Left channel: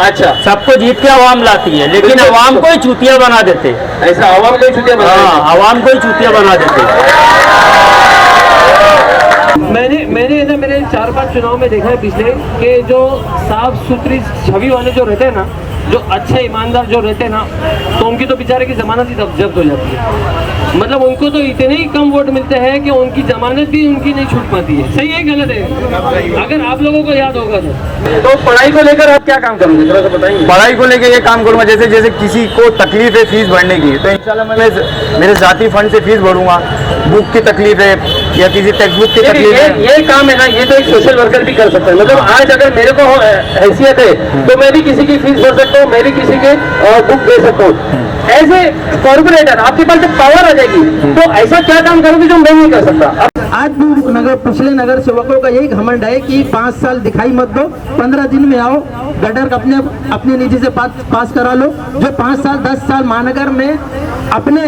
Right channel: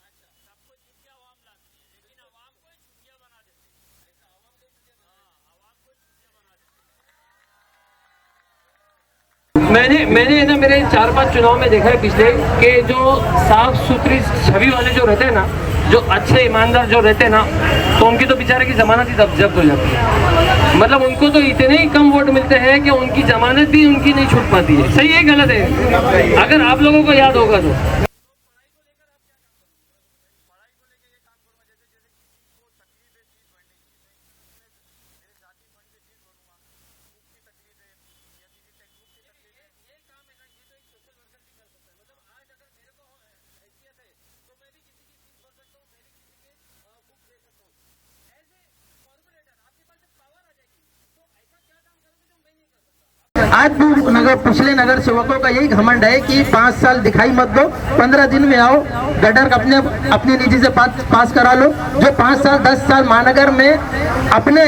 अच्छा, सबको जीत के आवाम लाती है, लेकिन आवाम को ही चूतिया बना देते। ऐसा आवाम को ही चूतिया बना देते? हाँ, आवाम को ही चूतिया बना देते। मैंने ना मेरे 4-5 चुनाव में देखा है पिछले कि जो साफ सुथरी छवि वाले जो रहते हैं ना, जो अच्छे ईमानदार जो रहते हैं ना, तो उनकी तो बेचारे की जमानत ही जब्त हो जाती है। मतलब उनको तो इतने ही कम वोट मिलते हैं कि उनकी जमानत भी उनकी नहीं छूट पाती है। सही है गलत है? अगर आप लोगों को याद होगा तो पढ़ाई को लेकर आप क्या काम करोगे, थोड़ा सा बताइए। पढ़ाई को लेकर ये काम करूँगा, जैसे जैसे किसी को तकलीफ है फीस भरने की, तो इंशाल्लाह मैं मेरे जाती फंड से फीस भरूंगा। बुक की तकलीफ है या किसी टेक्स्ट बुक की तकलीफ है, ये काम है ना, ये तो एक सोशल वर्कर भी कर सकता है। मतलब आज अगर मेरे को हैसियत है तो मैं भी किसी की फीस भर सकता हूँ, मैं भी किसी के बुक दे सकता हूँ। एज ए कॉर्पोरेटर आपके पास जब पावर आ जाएगी तो ऐसा क्या काम करोगे जो मैं नहीं कर सकता? आज भी पिछले नगर सेवकों का यही घमंड है कि 5 साल दिखाई मत दो, 15 दिन में आओ, गटर अपनी निधि से पास करा लो। जो 5 साल 10 साल महानगर में अपने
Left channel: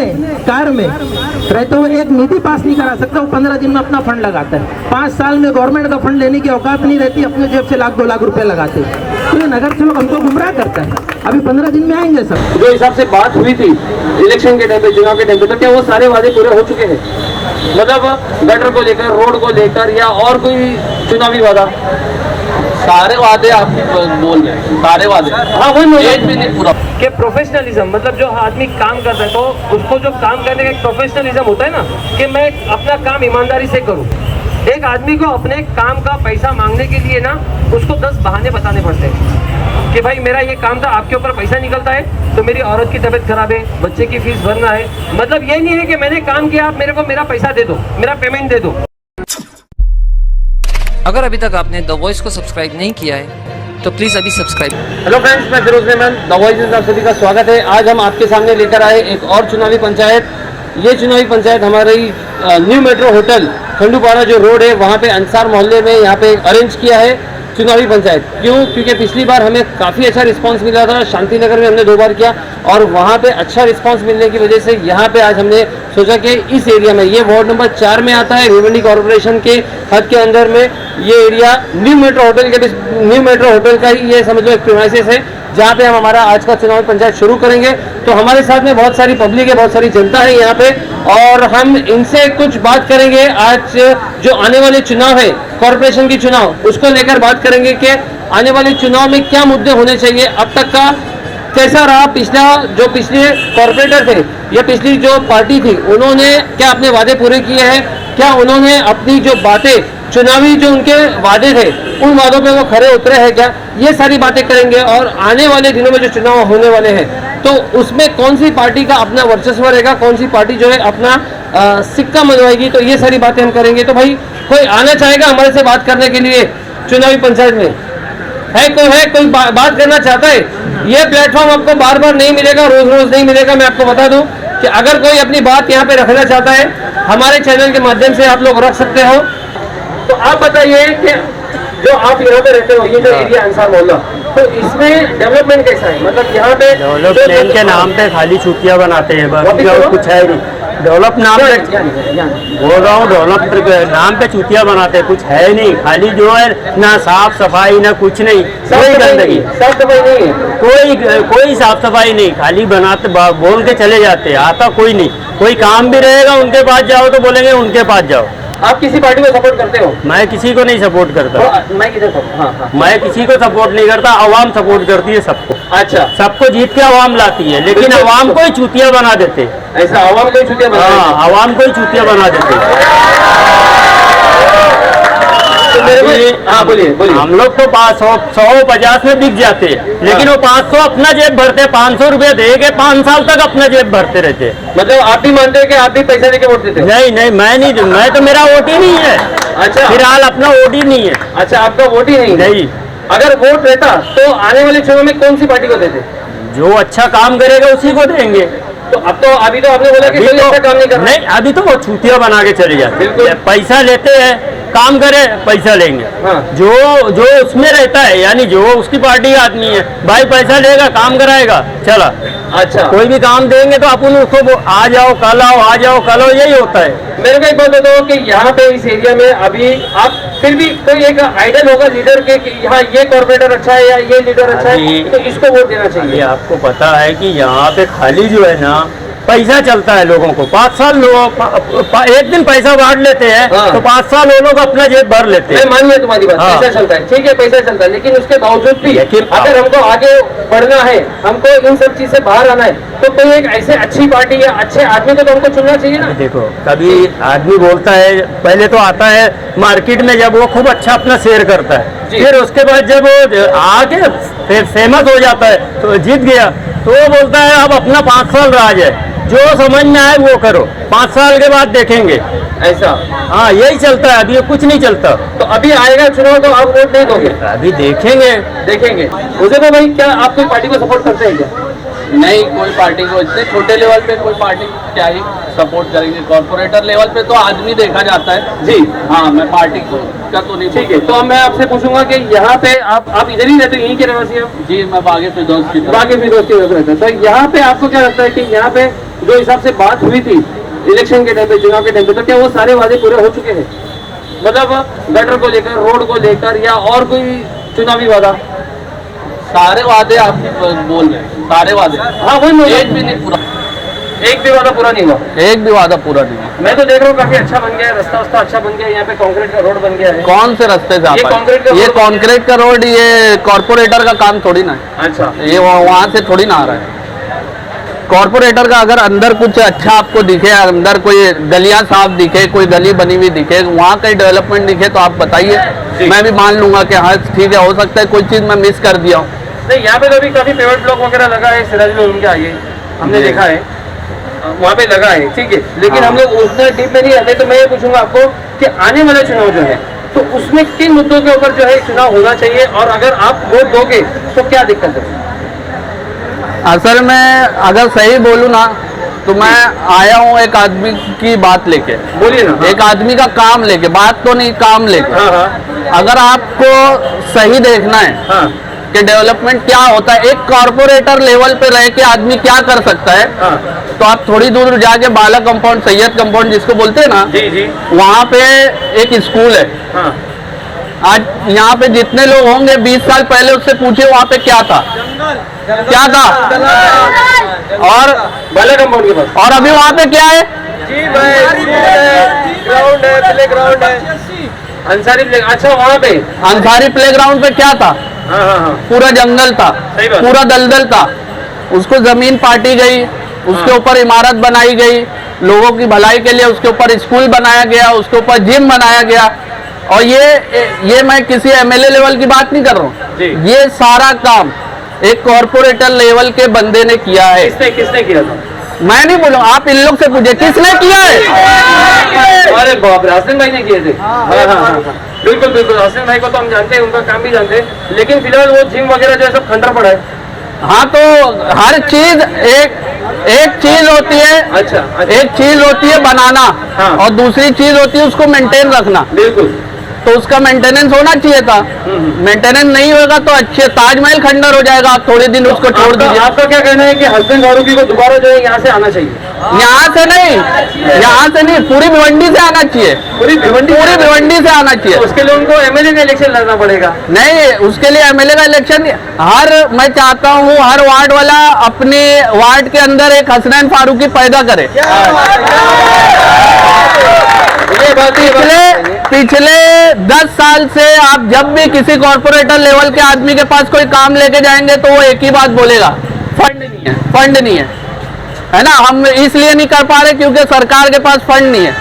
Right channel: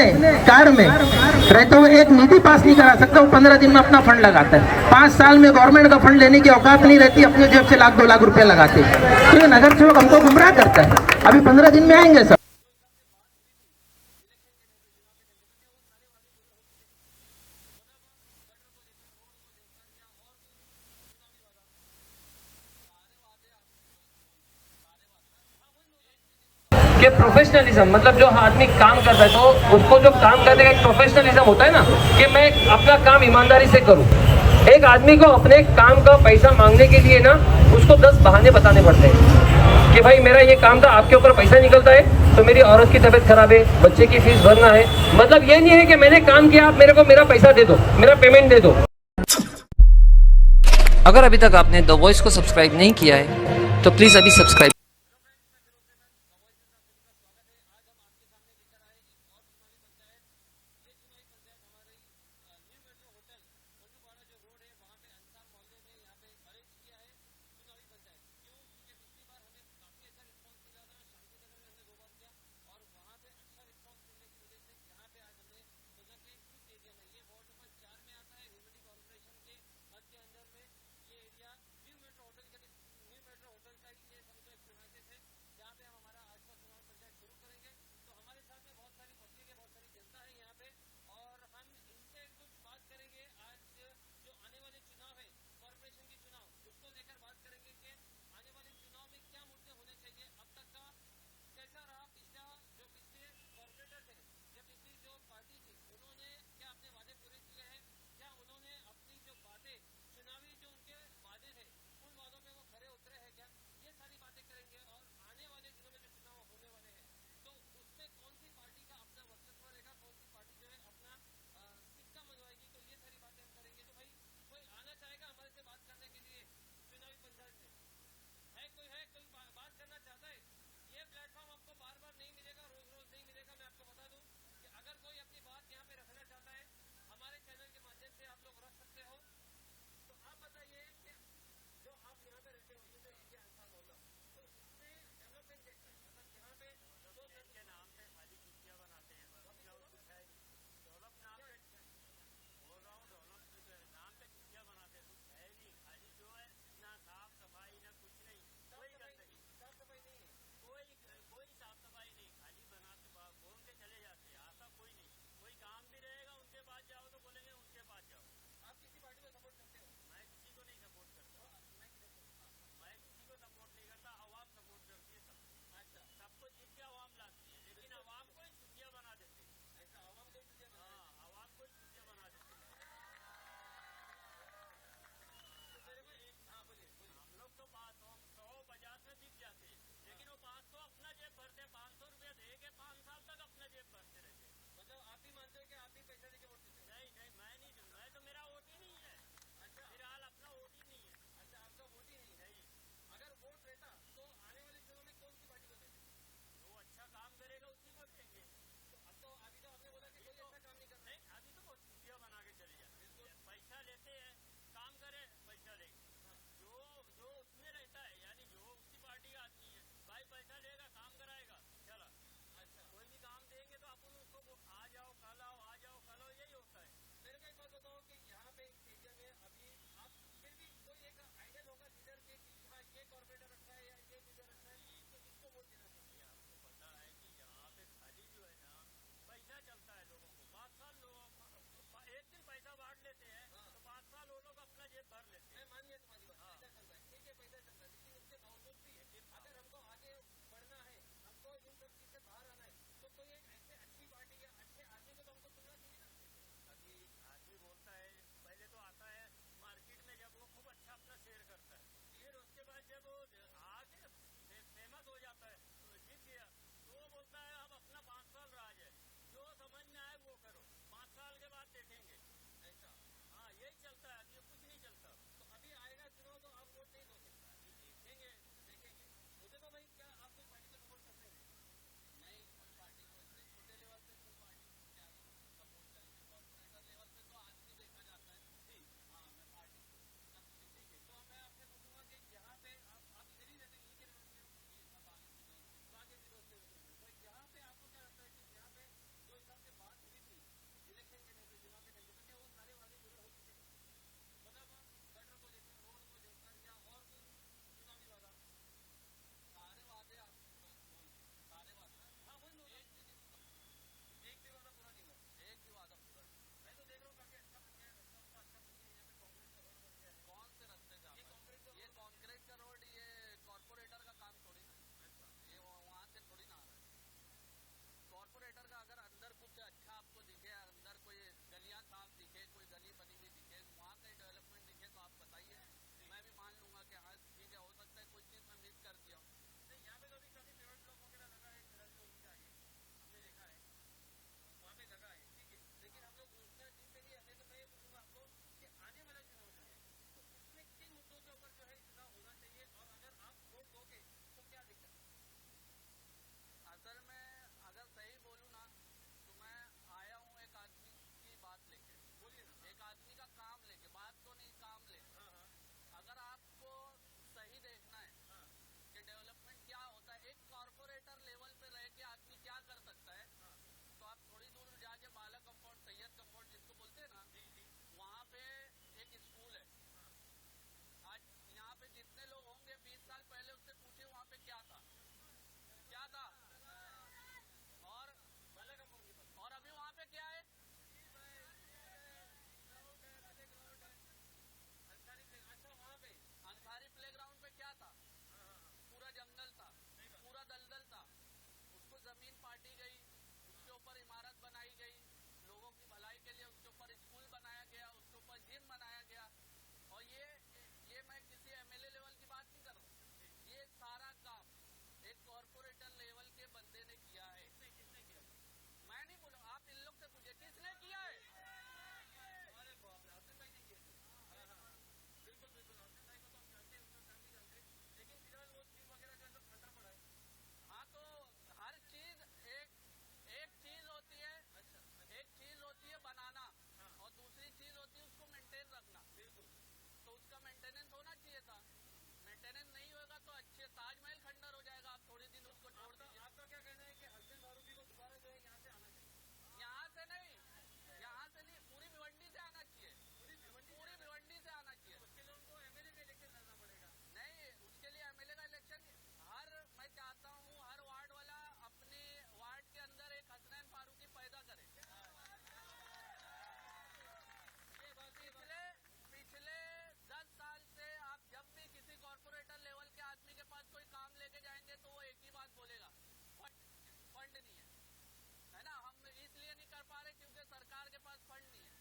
कार में रहते हुए एक निधि पास नहीं करा सकता, वो 15 दिन में अपना फंड लगाता है। 5 साल में गवर्नमेंट का फंड लेने की औकात नहीं रहती, अपने जेब से 1-2 लाख रुपए लगाते। तो ये नगर सेवक हमको गुमराह करता है। अभी 15 दिन में आएंगे सर। जो हिसाब से बात हुई थी इलेक्शन के टाइम पे, चुनाव के टाइम पे, तो क्या वो सारे वादे पूरे हो चुके हैं? मतलब गटर को लेकर, रोड को लेकर, या और कोई चुनावी वादा? सारे वादे आप बोल रहे हैं, सारे वादे। हाँ, वही एक भी नहीं पूरा। कि प्रोफेशनलिज्म, मतलब जो आदमी काम कर रहा है तो उसको जो काम करने का एक प्रोफेशनलिज्म होता है ना, कि मैं अपना काम ईमानदारी से करूं। एक आदमी को अपने काम का पैसा मांगने के लिए ना उसको 10 बहाने बताने पड़ते हैं कि भाई मेरा ये काम था, आपके ऊपर पैसा निकलता है तो मेरी औरत की तबीयत खराब है, बच्चे की फीस भरना है। मतलब ये नहीं है कि मैंने काम किया, आप मेरे को मेरा पैसा दे दो, मेरा पेमेंट दे दो। अगर अभी तक आपने द वॉइस को सब्सक्राइब नहीं किया है तो प्लीज़ अभी सब्सक्राइब। हेलो फ्रेंड्स, मैं फिरोज रहमान, द वॉइस में आप सभी का स्वागत है। आज हम आपके सामने लेकर आए एक और चुनावी पंचायत। ये चुनावी पंचायत हमारी न्यू मेट्रो होटल खंडूपाड़ा जो रोड है वहाँ पे अंसार मोहल्ले में यहाँ पे अरेंज किया है चुनावी पंचायत। क्यों? क्योंकि पिछली बार हमें काफ़ी अच्छा रिस्पांस मिला था, शांति नगर में हमने 2 बार किया और वहाँ पे अच्छा रिस्पांस मिलने की वजह से यहाँ पे आज हमने सोचा कि इस एरिया में, ये वार्ड नंबर 4 में आता है, भिवंडी कॉर्पोरेशन के हद के अंदर में ये एरिया न्यू मेट्रो होटल का ही ये समझ लो एक प्रीमाइसेस है, जहाँ पे हम हमारा आज का चुनावी पंचायत शुरू करेंगे। तो हमारे साथ में बहुत सारी पब्लिक है, बहुत सारी जनता है यहाँ पे, और हम इनसे कुछ बात करेंगे। आज जो आने वाले चुनाव है, कॉर्पोरेशन की चुनाव, उसको लेकर बात करेंगे कि आने वाले चुनाव में क्या मुद्दे होने चाहिए, अब तक का कैसा रहा, पिछले कॉर्पोरेटर थे या पिछली जो पार्टी थी उन्होंने क्या अपने वादे पूरे किए हैं, क्या उन्होंने अपनी जो बातें, चुनावी जो उनके वादे थे उन वादों पे वो खरे उतरे हैं क्या, ये सारी बातें करेंगे। और आने वाले दिनों में जो चुनाव होने वाले हैं तो उसमें कौन सी पार्टी का अपना वर्चस्व रहेगा, कौन सी पार्टी जो है अपना सिक्का मनवाएगी, तो ये सारी बातें हम करेंगे। तो भाई कोई आना चाहेगा हमारे से बात करने के लिए चुनावी पंचायत में? कोई बात करना चाहता है? ये प्लेटफॉर्म आपको बार बार नहीं मिलेगा, रोज रोज नहीं मिलेगा। मैं आपको बता दूं कि अगर कोई अपनी बात यहाँ पे रखना चाहता है हमारे चैनल के माध्यम से आप लोग रख सकते हो। तो आप बताइए कि जो आप यहाँ पे रहते हो, ये जो एरिया अंसार मोहल्ला, तो इसमें डेवलपमेंट कैसा है? मतलब यहाँ पे डेवलपमेंट के नाम पे खाली छुट्टियाँ बनाते हैं, बस कुछ है नहीं। डेवलप नाम पे बोल रहा हूँ, डेवलप नाम पे चुतिया बनाते हैं, कुछ है नहीं। खाली जो है ना साफ सफाई ना कुछ नहीं, कोई गंदगी, साफ सफाई नहीं है, कोई साफ सफाई नहीं, खाली बनाते बोल के चले जाते हैं, आता कोई नहीं। कोई काम भी रहेगा उनके पास जाओ तो बोलेंगे उनके पास जाओ। आप किसी पार्टी को सपोर्ट करते हो? मैं किसी को नहीं सपोर्ट करता। मैं किसी को सपोर्ट नहीं करता, आवाम सपोर्ट करती है सबको। अच्छा, सबको जीत के आवाम लाती है, लेकिन आवाम को ही चूतिया बना देते। ऐसा आवाम को ही चूतिया बना देते? हाँ, आवाम को ही चूतिया बना देते। हाँ, बोलिए। हम लोग तो 150 में बिक जाते हैं, लेकिन वो 500 अपना जेब भरते, 500 रुपए दे के 5 साल तक अपना जेब भरते रहते। मतलब आप भी मानते हैं कि आप भी पैसा देके वोट देते हो? नहीं, मैं तो मेरा वोट ही नहीं है। अच्छा, फिलहाल अपना वोट ही नहीं है। अच्छा, आपका वोट ही नहीं? अगर वोट रहता तो आने वाले चुनाव में कौन सी पार्टी को देते? जो अच्छा काम करेगा उसी को देंगे। तो अभी तो आपने बोला कि कोई अच्छा काम नहीं कर रहा। नहीं, अभी तो वो छुट्टियां बना के चले जाते, पैसा लेते हैं, काम करे पैसा लेंगे। हाँ। जो उसमें रहता है, यानी जो उसकी पार्टी का आदमी है, भाई पैसा लेगा, काम कराएगा, चला। अच्छा। कोई भी काम देंगे तो अपन उसको आ जाओ कल आओ, आ जाओ कल आओ, यही होता है। मेरे को एक बात बताओ कि यहाँ पे इस एरिया में अभी आप फिर भी कोई एक आइडियल होगा लीडर के कि यहाँ ये कॉर्पोरेटर अच्छा है या ये लीडर अच्छा है, तो इसको वोट देना ये चाहिए। आपको पता है कि यहाँ पे खाली जो है ना पैसा चलता है लोगों को। 5 साल लोग एक दिन पैसा बांट लेते हैं, हाँ। तो 5 साल वो लोग अपना जेब भर लेते मैं हैं। मान लिया तुम्हारी बात, हाँ। पैसा चलता है, ठीक है पैसा चलता है, लेकिन उसके बावजूद भी लेकिन अगर हमको आगे बढ़ना है, हमको इन सब चीज से बाहर आना है, तो कोई एक ऐसे अच्छी पार्टी या अच्छे आदमी को तो हमको चुनना चाहिए ना। देखो कभी आदमी बोलता है, पहले तो आता है मार्केट में जब वो खूब अच्छा अपना शेयर करता है, जी। फिर उसके बाद जब वो आके फिर फेमस हो जाता है तो जीत गया, तो वो बोलता है अब अपना 5 साल राज है, जो समझ में आए वो करो, 5 साल के बाद देखेंगे। ऐसा हाँ यही चलता है, अभी कुछ नहीं चलता। तो अभी आएगा चुनाव तो आप वोट नहीं दोगे? अभी देखेंगे। देखेंगे। उसे भाई क्या आप कोई पार्टी को सपोर्ट करते हैं क्या? नहीं, कोई पार्टी को इतने छोटे लेवल पे कोई पार्टी क्या ही सपोर्ट करेंगे। कॉर्पोरेटर लेवल पे तो आदमी देखा जाता है जी। हाँ, मैं पार्टी को का तो नहीं। ठीक है, तो अब मैं आपसे पूछूंगा कि यहाँ पे आप इधर ही रहते हो, यहीं के रहवासी हो? जी, मैं बागे फिरदौस की तरफ। बाकी भी दोस्ती रहते हैं, तो यहाँ पे आपको क्या लगता है कि यहाँ पे जो हिसाब से बात हुई थी इलेक्शन के टाइम पे, चुनाव के टाइम पे, तो क्या वो सारे वादे पूरे हो चुके हैं? मतलब गटर को लेकर, रोड को लेकर, या और कोई चुनावी वादा? सारे वादे आप बोल रहे हैं, सारे वादे। हाँ वही मैं- एक भी नहीं पूरा, एक भी वादा पूरा नहीं हुआ। एक भी वादा पूरा नहीं हुआ। मैं तो देख रहा हूँ काफी अच्छा बन गया है, रास्ता वास्ता अच्छा बन गया है, यहाँ पे कंक्रीट का रोड बन गया है। कौन से रास्ते से आप ये आए? कंक्रीट का ये रोड- कंक्रीट का रोड, ये कॉर्पोरेटर का काम थोड़ी ना है, अच्छा। ये वहाँ से थोड़ी ना आ रहा है। कॉर्पोरेटर का अगर अंदर कुछ अच्छा आपको दिखे, अंदर कोई गलियां साफ दिखे, कोई गली बनी हुई दिखे, वहाँ कहीं डेवलपमेंट दिखे तो आप बताइए, मैं भी मान लूंगा कि हाँ ठीक है, हो सकता है कोई चीज़ मैं मिस कर दिया हूँ। नहीं, यहाँ पे तो अभी काफी पेमेंट ब्लॉक वगैरह लगा है, सिराजुल उनके आगे हमने जी। देखा है, वहाँ पे लगा है, ठीक है, लेकिन हाँ। हम लोग उतना डीप में नहीं आते। तो मैं ये पूछूंगा आपको कि आने वाला चुनाव जो है, तो उसमें किन मुद्दों के ऊपर जो है चुनाव होना चाहिए, और अगर आप वोट दोगे तो क्या दिक्कत है? असल में अगर सही बोलूँ ना, तो मैं आया हूँ एक आदमी की बात लेके, बोलिए ना। एक आदमी का काम लेके, बात तो नहीं काम लेके। हाँ हाँ अगर आपको सही देखना है हाँ कि डेवलपमेंट क्या होता है, एक कॉर्पोरेटर लेवल पे रह के आदमी क्या कर सकता है, हाँ। तो आप थोड़ी दूर जाके बाला कंपाउंड, सैयद कंपाउंड जिसको बोलते हैं ना, जी जी। वहाँ पे एक स्कूल है। हाँ आज यहाँ पे जितने लोग होंगे 20 साल पहले उससे पूछे वहाँ पे क्या था, क्या था, और बाला कंपाउंड के पास। और अभी वहाँ पे क्या है? ग्राउंड है, प्ले ग्राउंड है, अंसारी प्ले। अच्छा, वहाँ पे अंसारी प्लेग्राउंड पे क्या था? हाँ हाँ हाँ। पूरा जंगल था, सही बात। पूरा दलदल था, उसको जमीन पाटी गई, उसके हाँ। ऊपर इमारत बनाई गई, लोगों की भलाई के लिए उसके ऊपर स्कूल बनाया गया, उसके ऊपर जिम बनाया गया। और ये मैं किसी एमएलए लेवल की बात नहीं कर रहा जी। हूँ, ये सारा काम एक कॉर्पोरेटर लेवल के बंदे ने किया है। किसने किया था? मैं नहीं बोलूँ, आप इन लोग से पूछे किसने किया है। अरे बाप रे, हसन भाई ने किए थे। हाँ हाँ हाँ, बिल्कुल बिल्कुल, हसन भाई को तो हम जानते हैं, उनका काम भी जानते हैं, लेकिन फिलहाल वो जिम वगैरह जो है सब खंडर पड़ा है। हाँ, तो हर चीज एक चीज होती है, अच्छा अच्छा, एक चीज होती है बनाना, हाँ। और दूसरी चीज होती है उसको मेंटेन रखना। बिल्कुल। तो उसका मेंटेनेंस होना चाहिए था, मेंटेनेंस नहीं होगा तो अच्छे ताजमहल खंडर हो जाएगा, आप थोड़े दिन उसको छोड़ दीजिए। आपका क्या कहना है कि हसन फारूकी को दोबारा जो है यहाँ से आना चाहिए? यहाँ से नहीं, पूरी भिवंडी से आना चाहिए, पूरी भिवंडी से आना चाहिए। उसके लिए उनको एमएलए का इलेक्शन लड़ना पड़ेगा। नहीं, उसके लिए एमएलए का इलेक्शन मैं चाहता हूँ हर वार्ड वाला अपने वार्ड के अंदर एक हसनैन फारूकी पैदा करे। पिछले 10 साल से आप जब भी किसी कॉर्पोरेटर लेवल के आदमी के पास कोई काम लेके जाएंगे तो वो एक ही बात बोलेगा, फंड नहीं है ना। हम इसलिए नहीं कर पा रहे क्योंकि सरकार के पास फंड नहीं है।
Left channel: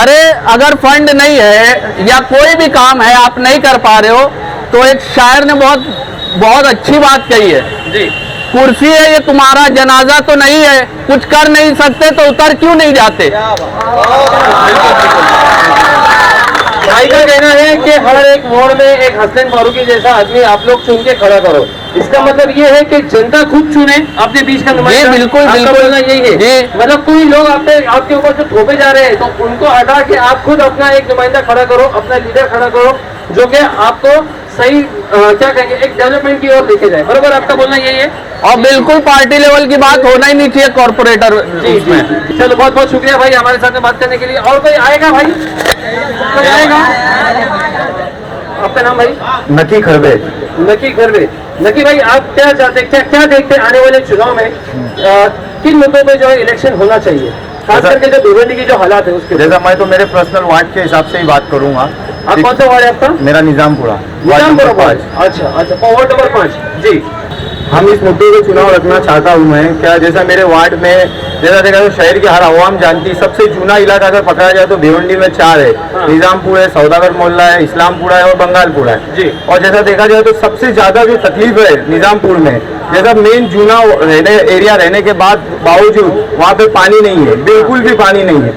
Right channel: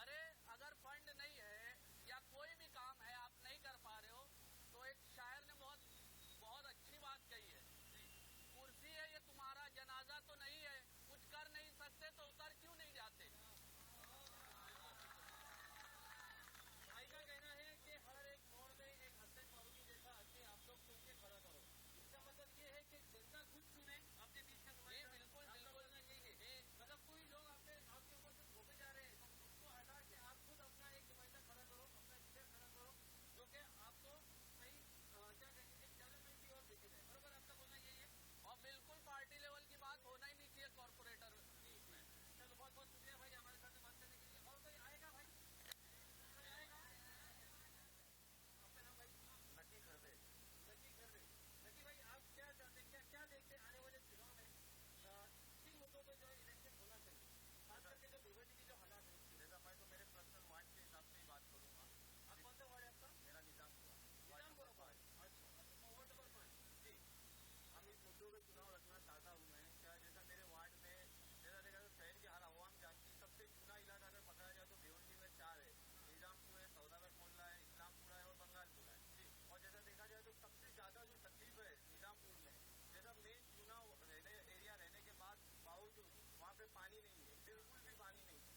अरे अगर फंड नहीं है या कोई भी काम है आप नहीं कर पा रहे हो, तो एक शायर ने बहुत अच्छी बात कही है जी। कुर्सी है ये तुम्हारा जनाजा तो नहीं है, कुछ कर नहीं सकते तो उतर क्यों नहीं जाते। भाई का कहना है कि हर एक वार्ड में एक हसनैन फारूकी जैसा आदमी आप लोग चुन के खड़ा करो। इसका मतलब ये है कि जनता खुद चुने अपने बीच का नुमाइंदा। जी, बिल्कुल, आपका बिल्कुल। बोलना यही है जी। मतलब कोई लोग आपके ऊपर जो थोपे जा रहे हैं तो उनको हटा के आप खुद अपना एक नुमाइंदा खड़ा करो, अपना लीडर खड़ा करो, जो कि आपको सही क्या कहेंगे एक डेवलपमेंट की ओर लेके जाए, बराबर आपका बोलना यही है? और बिल्कुल पार्टी लेवल की बात होना ही नहीं चाहिए कॉर्पोरेटर जी जी जी। चलो बहुत बहुत शुक्रिया भाई हमारे साथ में बात करने के लिए। और कोई आएगा भाई? कोई आएगा? आपका नाम भाई? नकी खरबे। नकी खरबे। नकी भाई आप क्या चाहते, क्या देखते हैं आने वाले चुनाव में किन मुद्दों पे जो है इलेक्शन होना चाहिए, खास करके जो भिवंडी की जो हालात है उसके? जैसा मैं तो मेरे पर्सनल वार्ड के हिसाब से ही बात करूंगा। आप कौन सा वार्ड है आपका? मेरा निजामपुरा, निजामपुरा वार्ड। अच्छा अच्छा, वार्ड नंबर 5 जी। हम इस मुद्दे को चुनाव रखना चाहता हूँ मैं। क्या जैसा मेरे वार्ड में जैसा देखा तो शहर की हर आवाम जानती है, सबसे चूना इलाका अगर पकड़ा जाए तो भिवंडी में 4 है। निजामपुर है, सौदागर मोहल्ला है, इस्लामपुरा है और बंगालपुरा है जी। और जैसा देखा जाए तो सबसे ज्यादा जो तकलीफ है निजामपुर में, जैसा मेन चूना एरिया रहने के बावजूद वहाँ पे पानी नहीं है, बिल्कुल भी पानी नहीं है।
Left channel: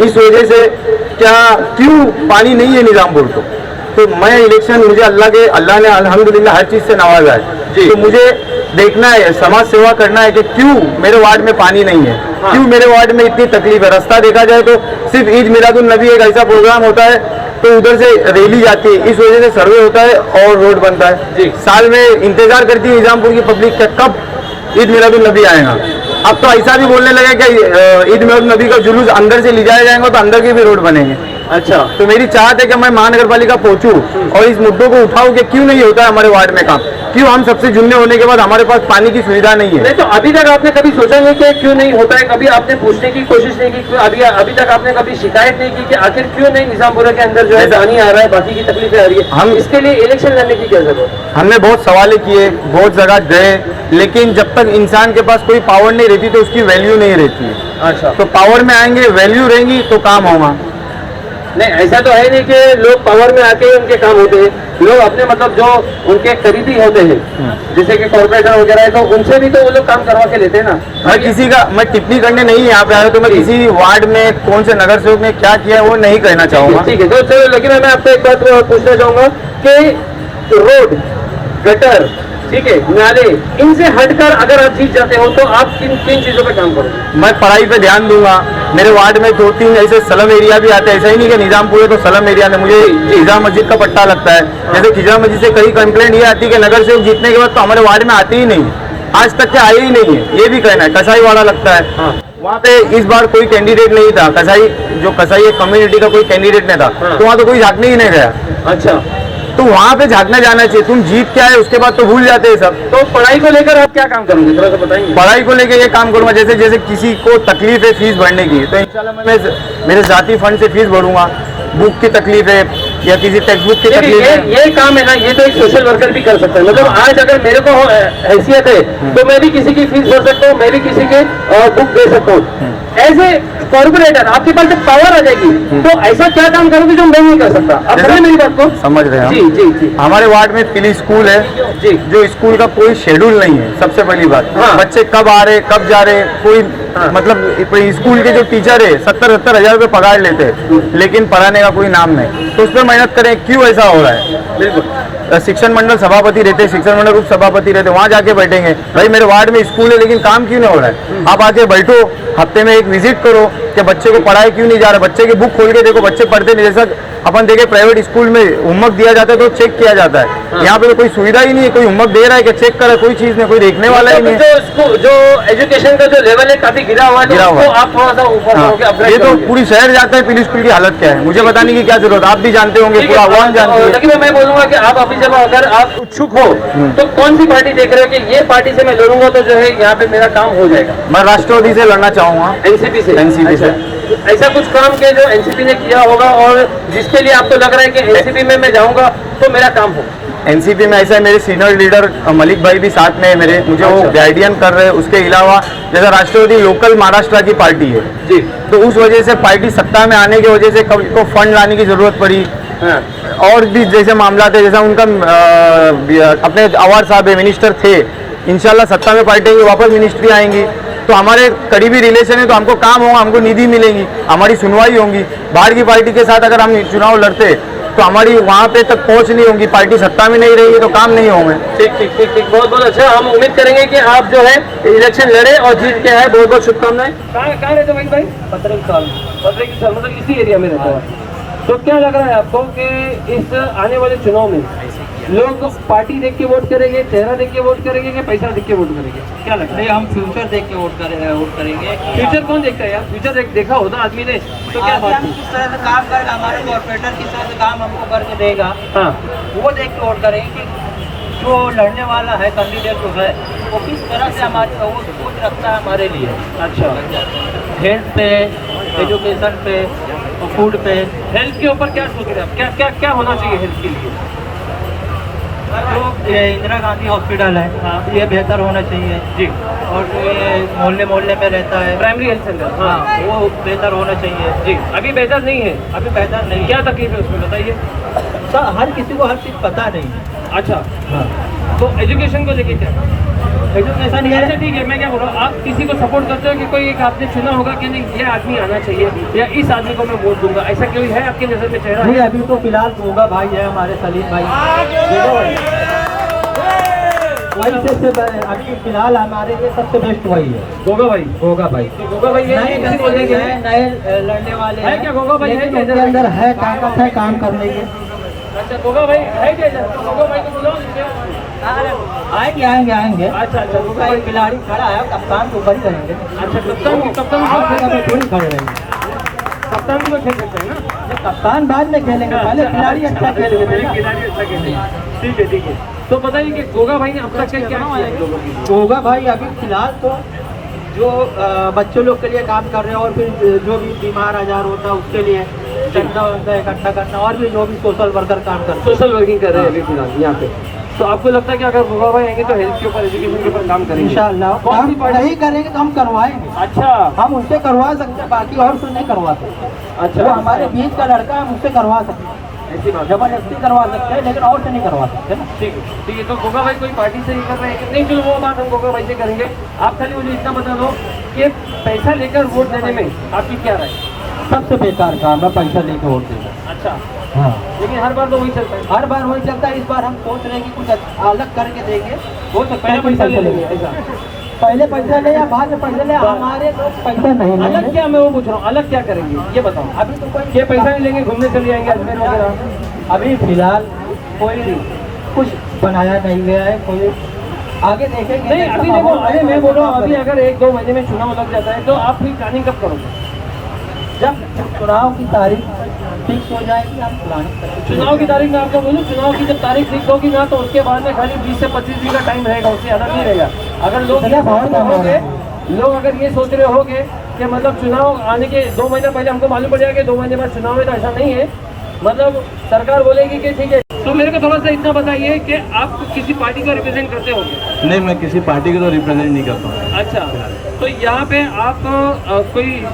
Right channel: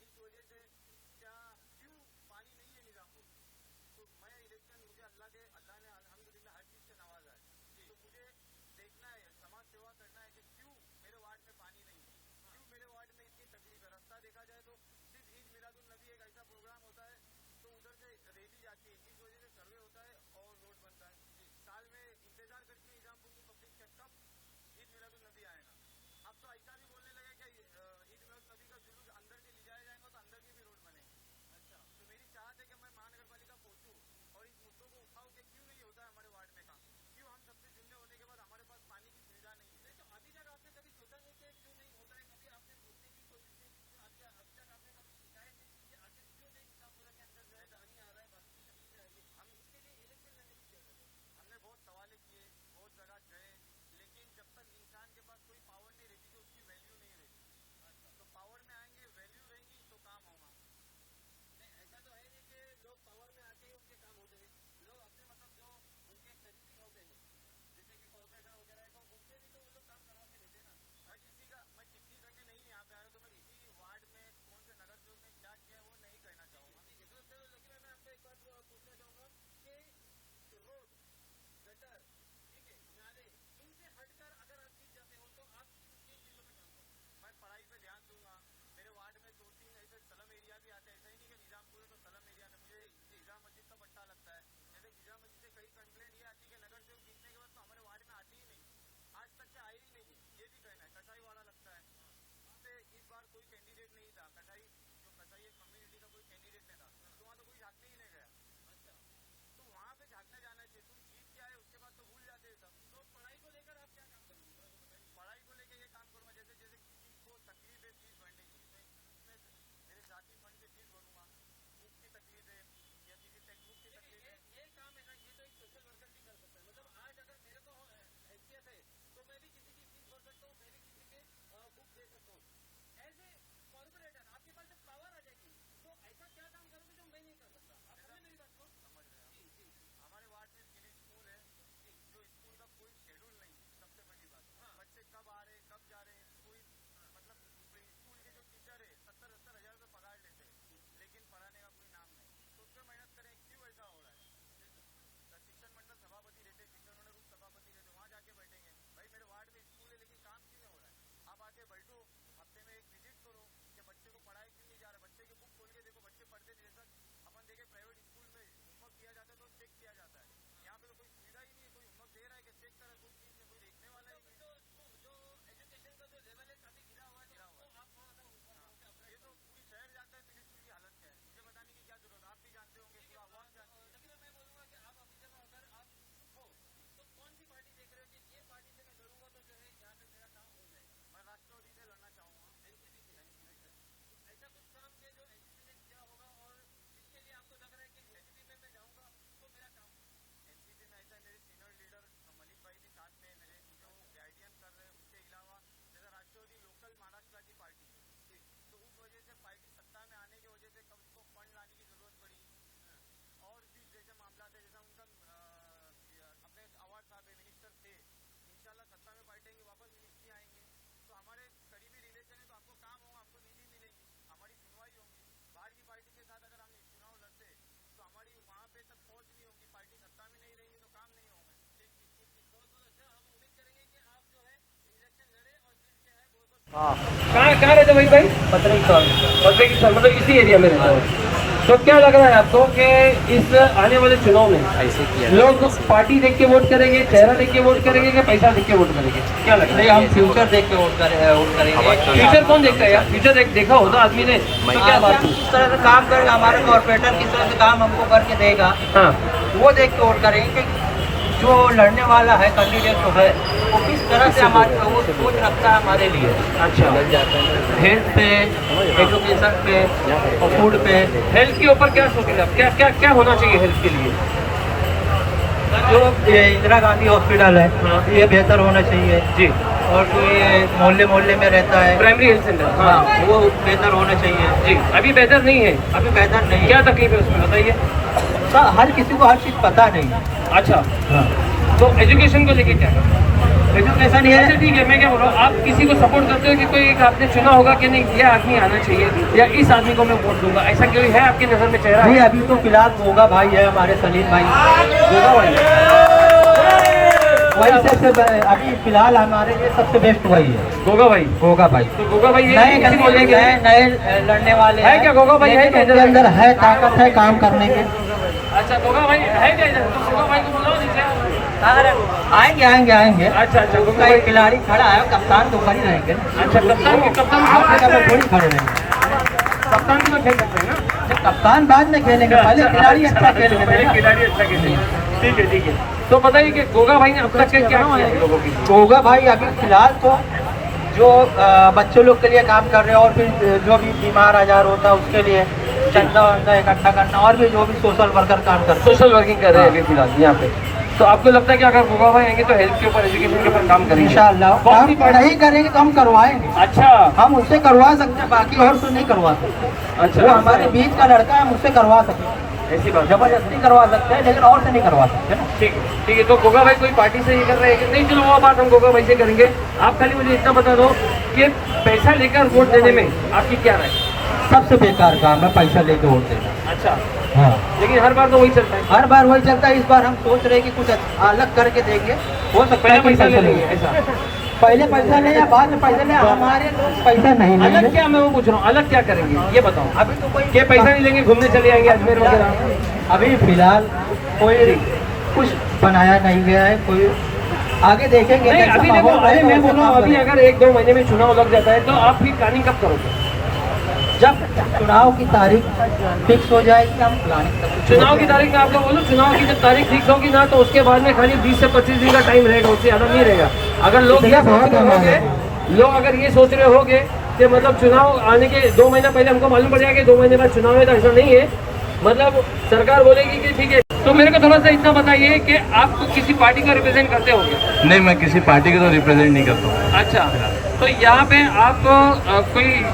इस वजह से क्यों पानी नहीं है निजामपुर को, तो मैं इलेक्शन मुझे अल्लाह ने अल्हम्दुलिल्लाह हर चीज से नवाजा है तो मुझे देखना है, समाज सेवा करना है कि क्यों मेरे वार्ड में पानी नहीं है, क्यों मेरे वार्ड में इतनी तकलीफ है। रास्ता देखा जाए तो सिर्फ ईद मिलादुन नबी एक ऐसा प्रोग्राम होता है तो उधर से रैली जाती है, इस वजह से सर्वे होता है और रोड बनता है। साल में इंतजार करती है निजामपुर की पब्लिक कब ईद मिलादुन नबी आएगा। अब तो ऐसा भी बोलने लगे कि ईद मिलादुन नबी का जुलूस अंदर से ले जाया जाएगा तो अंदर के भी रोड बनेंगे। अच्छा, तो मेरी चाहत है कि मैं महानगर पालिका पहुंचूं और इस मुद्दों को उठाऊं कि क्यों नहीं होता है हमारे वार्ड में काम, क्यों हम सबसे जुड़ने होने के बाद हमारे पास पानी की सुविधा नहीं है। नहीं तो अभी तक आपने कभी सोचा नहीं कि क्यों नहीं होता है, कभी आपने पूछने की कोशिश नहीं की? अभी तक आपने कभी शिकायत नहीं की कि आखिर क्यों नहीं निजामपुरा के अंदर जो है पानी आ रहा है, बाकी की तकलीफें आ रही है? हम इसके लिए इलेक्शन लड़ने की क्या जरूरत है? हमने बहुत सवाल किए, बहुत जगह गए, लेकिन जब तक इंसान के पास कोई पावर नहीं रहती तो उसकी वैल्यू नहीं रहती है। अच्छा, तो पावर में आएंगे, वैल्यू रहेंगी तो काम होगा। नहीं ऐसा तो है नहीं कि लोग पावर में आके उनके काम होते हैं, लोग अपने मतलब जो उनके करीबी होते हैं जैसे कि कॉर्पोरेटर वगैरह है तो उनसे भी तो वो लोग काम करवा के लेते हैं ना। मैं टिप्पणी करने नहीं यहाँ पे आया तो मैं किसी वार्ड में कौन से नगर सेवक ने क्या किया है वो नहीं कहना चाहूंगा। ठीक है, तो चलो लेकिन मैं आपसे एक बात पूछना चाहूंगा कि रोड, गटर, ठीक है, नाले, इनसे हटकर अगर आप जीत जाते हो तो आप किन किन चीजों पे काम करोगे? मैं पढ़ाई पे ध्यान दूंगा। मेरे वार्ड में 2-3 ऐसे स्लम एरिया भी आते हैं, ऐसा ही नहीं कि निजामपुर है तो स्लम एरिया में मुझे खिजा मस्जिद का पट्टा लगता है। जैसे खिजा मस्जिद से कई कंप्लेंट ये आती है कि नगर सेवक जीतने के बाद तो हमारे वार्ड में आते ही नहीं, आज तक के आए ही नहीं है, ये भी कहना है। कसाई वाला लगता है वहाँ पे इस बार कोई कैंडिडेट नहीं था, कसाई कम्युनिटी का कोई कैंडिडेट नहीं था तो वहाँ तो कोई झाँकने ही नहीं गया। अच्छा, तो वहाँ पे झाँकना जाना चाहिए। तुम जीत क्या है उसके बाद तो भूल जाते हैं सब। तो पढ़ाई को लेकर आप क्या काम करोगे, थोड़ा सा बताएंगे? पढ़ाई को लेकर ये काम करूंगा, जैसे किसी को तकलीफ है फीस भरने की तो इंशाल्लाह मैं मेरे जाती फंड से फीस भरूंगा। बुक की तकलीफ है या किसी टेक्स्ट बुक की तकलीफ है, ये काम है ना, ये तो एक सोशल वर्कर भी कर सकता है। मतलब आज अगर मेरे को हैसियत है तो मैं भी किसी की फीस भर सकता हूँ, मैं भी किसी के बुक दे सकता हूँ। एज ए कॉर्पोरेटर आपके पास जब पावर आ जाएगी तो ऐसा क्या काम करोगे जो मैं नहीं कर सकता? आप समझ मेरी बात को? समझ रहे हैं? जी जी जी। हमारे वार्ड में प्ली स्कूल है जी, जो स्कूल का कोई शेड्यूल नहीं है। सबसे पहली बात, बच्चे कब आ रहे कब जा रहे, कोई मतलब स्कूल के जो टीचर है 70-70 हजार रुपये पगार लेते हैं लेकिन पढ़ाने का कोई नाम नहीं। तो उस पर मेहनत करें, क्यों ऐसा हो रहा है? बिल्कुल, शिक्षण मंडल सभापति रहते, शिक्षण मंडल उप सभापति रहते, वहाँ जाके बैठेंगे भाई मेरे वार्ड में स्कूल है लेकिन काम क्यों नहीं हो रहा है? आप आके बैठो, हफ्ते में एक विजिट करो कि बच्चे को पढ़ाया क्यों नहीं जा रहा, बच्चे की बुक खोल के देखो, बच्चे पढ़ते नहीं। जैसा अपन देखे प्राइवेट स्कूल में होमवर्क दिया जाता है तो चेक किया जाता है, यहाँ पे तो कोई सुविधा ही नहीं है। कोई होमवर्क दे रहा है कि चेक करे, कोई चीज नहीं, कोई देखने वाला ही नहीं है। जो एजुकेशन का जो लेवल है काफी गिरा हुआ है, आप थोड़ा सा ऊपर। ये तो पूरी शहर जाता है प्ली स्कूल की हालत क्या है, मुझे बताने की क्या जरूरत, आप भी जानते होंगे, पूरा आवाम जानती है। लेकिन मैं बोलूंगा कि आप अभी जब अगर आप इच्छुक हो तो कौन सी पार्टी देख रहे हो कि ये पार्टी से मैं लड़ूंगा तो जो है यहाँ पे मेरा काम हो जाएगा? मैं राष्ट्रवादी से लड़ना चाहूंगा। एनसीपी से? एनसीपी से ऐसा कुछ काम के जो एनसीपी ने किया होगा और जिसके लिए आपको लग रहा है कि एनसीपी में मैं जाऊंगा तो मेरा काम हो? एनसीपी में ऐसा है, मेरे सीनियर लीडर मलिक भाई भी साथ में है मेरे, मुझे वो गाइडियन कर रहे हैं। उसके अलावा जैसा राष्ट्रवादी लोकल महाराष्ट्र की पार्टी है जी, तो उस वजह से पार्टी सत्ता में आने की वजह से को फंड लाने की जरूरत पड़ी। और भी जैसे मामला थे, जैसा उनका अपने अवार साहब मिनिस्टर थे, इंशाल्लाह सत्ता में पार्टी वापस मिनिस्ट्री आएंगी तो हमारे करीबी रिलेशन है तो हमको काम होगा, हमको निधि मिलेंगी, हमारी सुनवाई होगी। बाहर की पार्टी के साथ अगर हम चुनाव लड़ते तो हमारी वहाँ पे तक पहुँच नहीं होगी, पार्टी सत्ता में नहीं रहेगी तो काम नहीं होंगे। ठीक ठीक ठीक ठीक, बहुत बहुत अच्छा। हम उम्मीद करेंगे कि आप जो है इलेक्शन लड़े और जीत के आए। बहुत बहुत शुभकामनाएं। कहाँ रहते भाई? पत्रे की मतलब इसी एरिया में रहते हो? तो क्या लग रहा है आपको कि इस आने वाले चुनाव में लोग पार्टी देख के वोट करेंगे, चेहरा देख के वोट करेंगे, कि पैसा देख के वोट करेंगे? क्या लग रहा है? हम फ्यूचर देख के वोट करेंगे। फ्यूचर कौन देखता है यार? फ्यूचर देखा होता आदमी ने तो क्या बात हम है? किस तरह से काम करेगा, हमारा कॉर्पोरेटर किस तरह से काम हमको करके देगा, हाँ वो देख के वोट करेंगे कि जो लड़ने वाला है कैंडिडेट जो है वो किस तरह से हमारी वो सोच रखता है हमारे लिए। अच्छा, हेल्थ पे, एजुकेशन पे और फूड पे। हेल्थ के ऊपर क्या सोच रहे हैं आप? क्या क्या क्या होना चाहिए हेल्थ के लिए? जो ये इंदिरा गांधी हॉस्पिटल है, हाँ। ये बेहतर होना चाहिए। जी, और जो ये मोहल्ले में रहता है, प्राइमरी हेल्थ सेंटर, हाँ हाँ, वो बेहतर होना चाहिए। जी, अभी बेहतर नहीं है। अभी बेहतर नहीं क्या तकलीफ है उसमें बताइए? है, हर किसी को हर चीज़ पता नहीं है। अच्छा, हाँ। तो एजुकेशन को लेके क्या? एजुकेशन ये अच्छा ठीक है, मैं क्या बोल रहा हूँ, आप किसी को सपोर्ट करते हो कि कोई एक आपने चुना होगा कि नहीं ये आदमी आना चाहिए या इस आदमी को मैं वोट दूंगा, ऐसा कोई है आपकी नजर में चेहरा? जी, अभी तो फिलहाल गोगा भाई है हमारे, सलीम भाई। गोगा भाई, वही सबसे अभी फिलहाल हमारे लिए सबसे बेस्ट वही है, गोगा भाई। गोगा भाई। तो गोगा भाई नए ये किसी बोलेंगे नए लड़ने वाले है क्या गोगा भाई? है लेकिन क्या उनके अंदर है ताकत है काम करने के। अच्छा, गोगा भाई है क्या इधर? तो गोगा भाई को बुलाओ नीचे। आएंगे। अच्छा अच्छा, गोगा भाई। एक खिलाड़ी खड़ा है, कप्तान तो ऊपर ही रहेंगे। अच्छा, कप्तान आप जगह पे थोड़ी खड़े रहेंगे। कप्तान भी तो खेल सकते हैं ना? कप्तान बाद में खेलेंगे, पहले खिलाड़ी अच्छा खेल रहे थे ना। खिलाड़ी अच्छा खेलते हैं। ठीक है ठीक है। तो बताइए कि गोगा भाई ने अब तक क्या किया लोगों के लिए? गोगा भाई अभी फिलहाल तो जो बच्चों लोग के लिए काम कर रहे हैं, और भी जो भी बीमार आजार होता है उसके लिए चंदा वंदा इकट्ठा करना, और भी जो भी सोशल वर्कर काम करते हैं। सोशल वर्किंग कर रहे हैं अभी फिलहाल यहाँ पे। तो आपको लगता है कि अगर गोगा भाई आएंगे तो हेल्थ के ऊपर, एजुकेशन के ऊपर काम करेंगे? इंशाल्लाह कौन सी काम पार्टी? नहीं करेंगे तो हम करवाएंगे। अच्छा हम उससे करवा सकते हैं, बाकी और से नहीं करवा सकते। अच्छा, वो हमारे बीच का लड़का है, हम उससे करवा सकते हैं, ऐसी बात है। जबरदस्ती करवा सकते हैं, लेकिन और से नहीं करवा सकते ना। ठीक है। तो गोगा भाई कोई पार्टी से ही कर रहे हैं? नहीं, चलो वो बात हम गोगा भाई से करेंगे। आप खाली मुझे इतना बता दो कि पैसा लेकर वोट देने में आपकी क्या राय? सबसे बेकार काम है पैसा लेके वोट देना। अच्छा, हाँ, लेकिन हर बार तो वही चलता है। हर बार वही चलता है। इस बार हम सोच रहे हैं कि कुछ अलग करके देंगे। हो सकता पहले है कि पैसा ले लेंगे लेंगे। ऐसा? पहले पैसा ले या बाद में पैसा ले, हमारे लोग पैसा नहीं अलग लेंगे। क्या, मैं वो पूछ रहा हूँ, अलग क्या करेंगे ये बताओ? अभी तो कोई ये पैसा नहीं लेंगे, घूमने चले जाएंगे अजमेर वगैरह? अभी फिलहाल कोई कुछ बनाया नहीं गया है, कोई आगे देखेंगे। नहीं, जैसा अभी देखो, माहौल अरे मैं रहेगा, बोल रहा हूँ, वैसा अभी काम अगर 1-2 महीने में चुनाव लग जाता है तो आप फिर प्लानिंग कब करोगे? करेंगे। जब चुनाव की तारीख फिक्स हो जाएगी हम प्लानिंग करते। चुनाव की तारीख में आपको बोलूँ, चुनाव की जब तारीख फिक्स होगी ना तो उसके बाद में खाली 20 से 25 दिन का टाइम रहेगा, उससे ज़्यादा नहीं रहेगा। अगर लोग ये सोच रहे होंगे, लोग अगर ये सोच रहे होंगे कि मतलब चुनाव आने के 2 महीना पहले हमको मालूम पड़ जाएगा कि 2 महीने बाद चुनाव है, तो ऐसा नहीं है। मतलब सरकार बोलेगी कि ठीक है। तो मेरे को थोड़ा सा इतना बताइए कि आप किसी पार्टी का रिप्रेजेंट करते होंगे? नहीं, मैं किसी पार्टी के तो रिप्रेजेंट नहीं करता हूँ। अच्छा, तो यहाँ पे आप कोई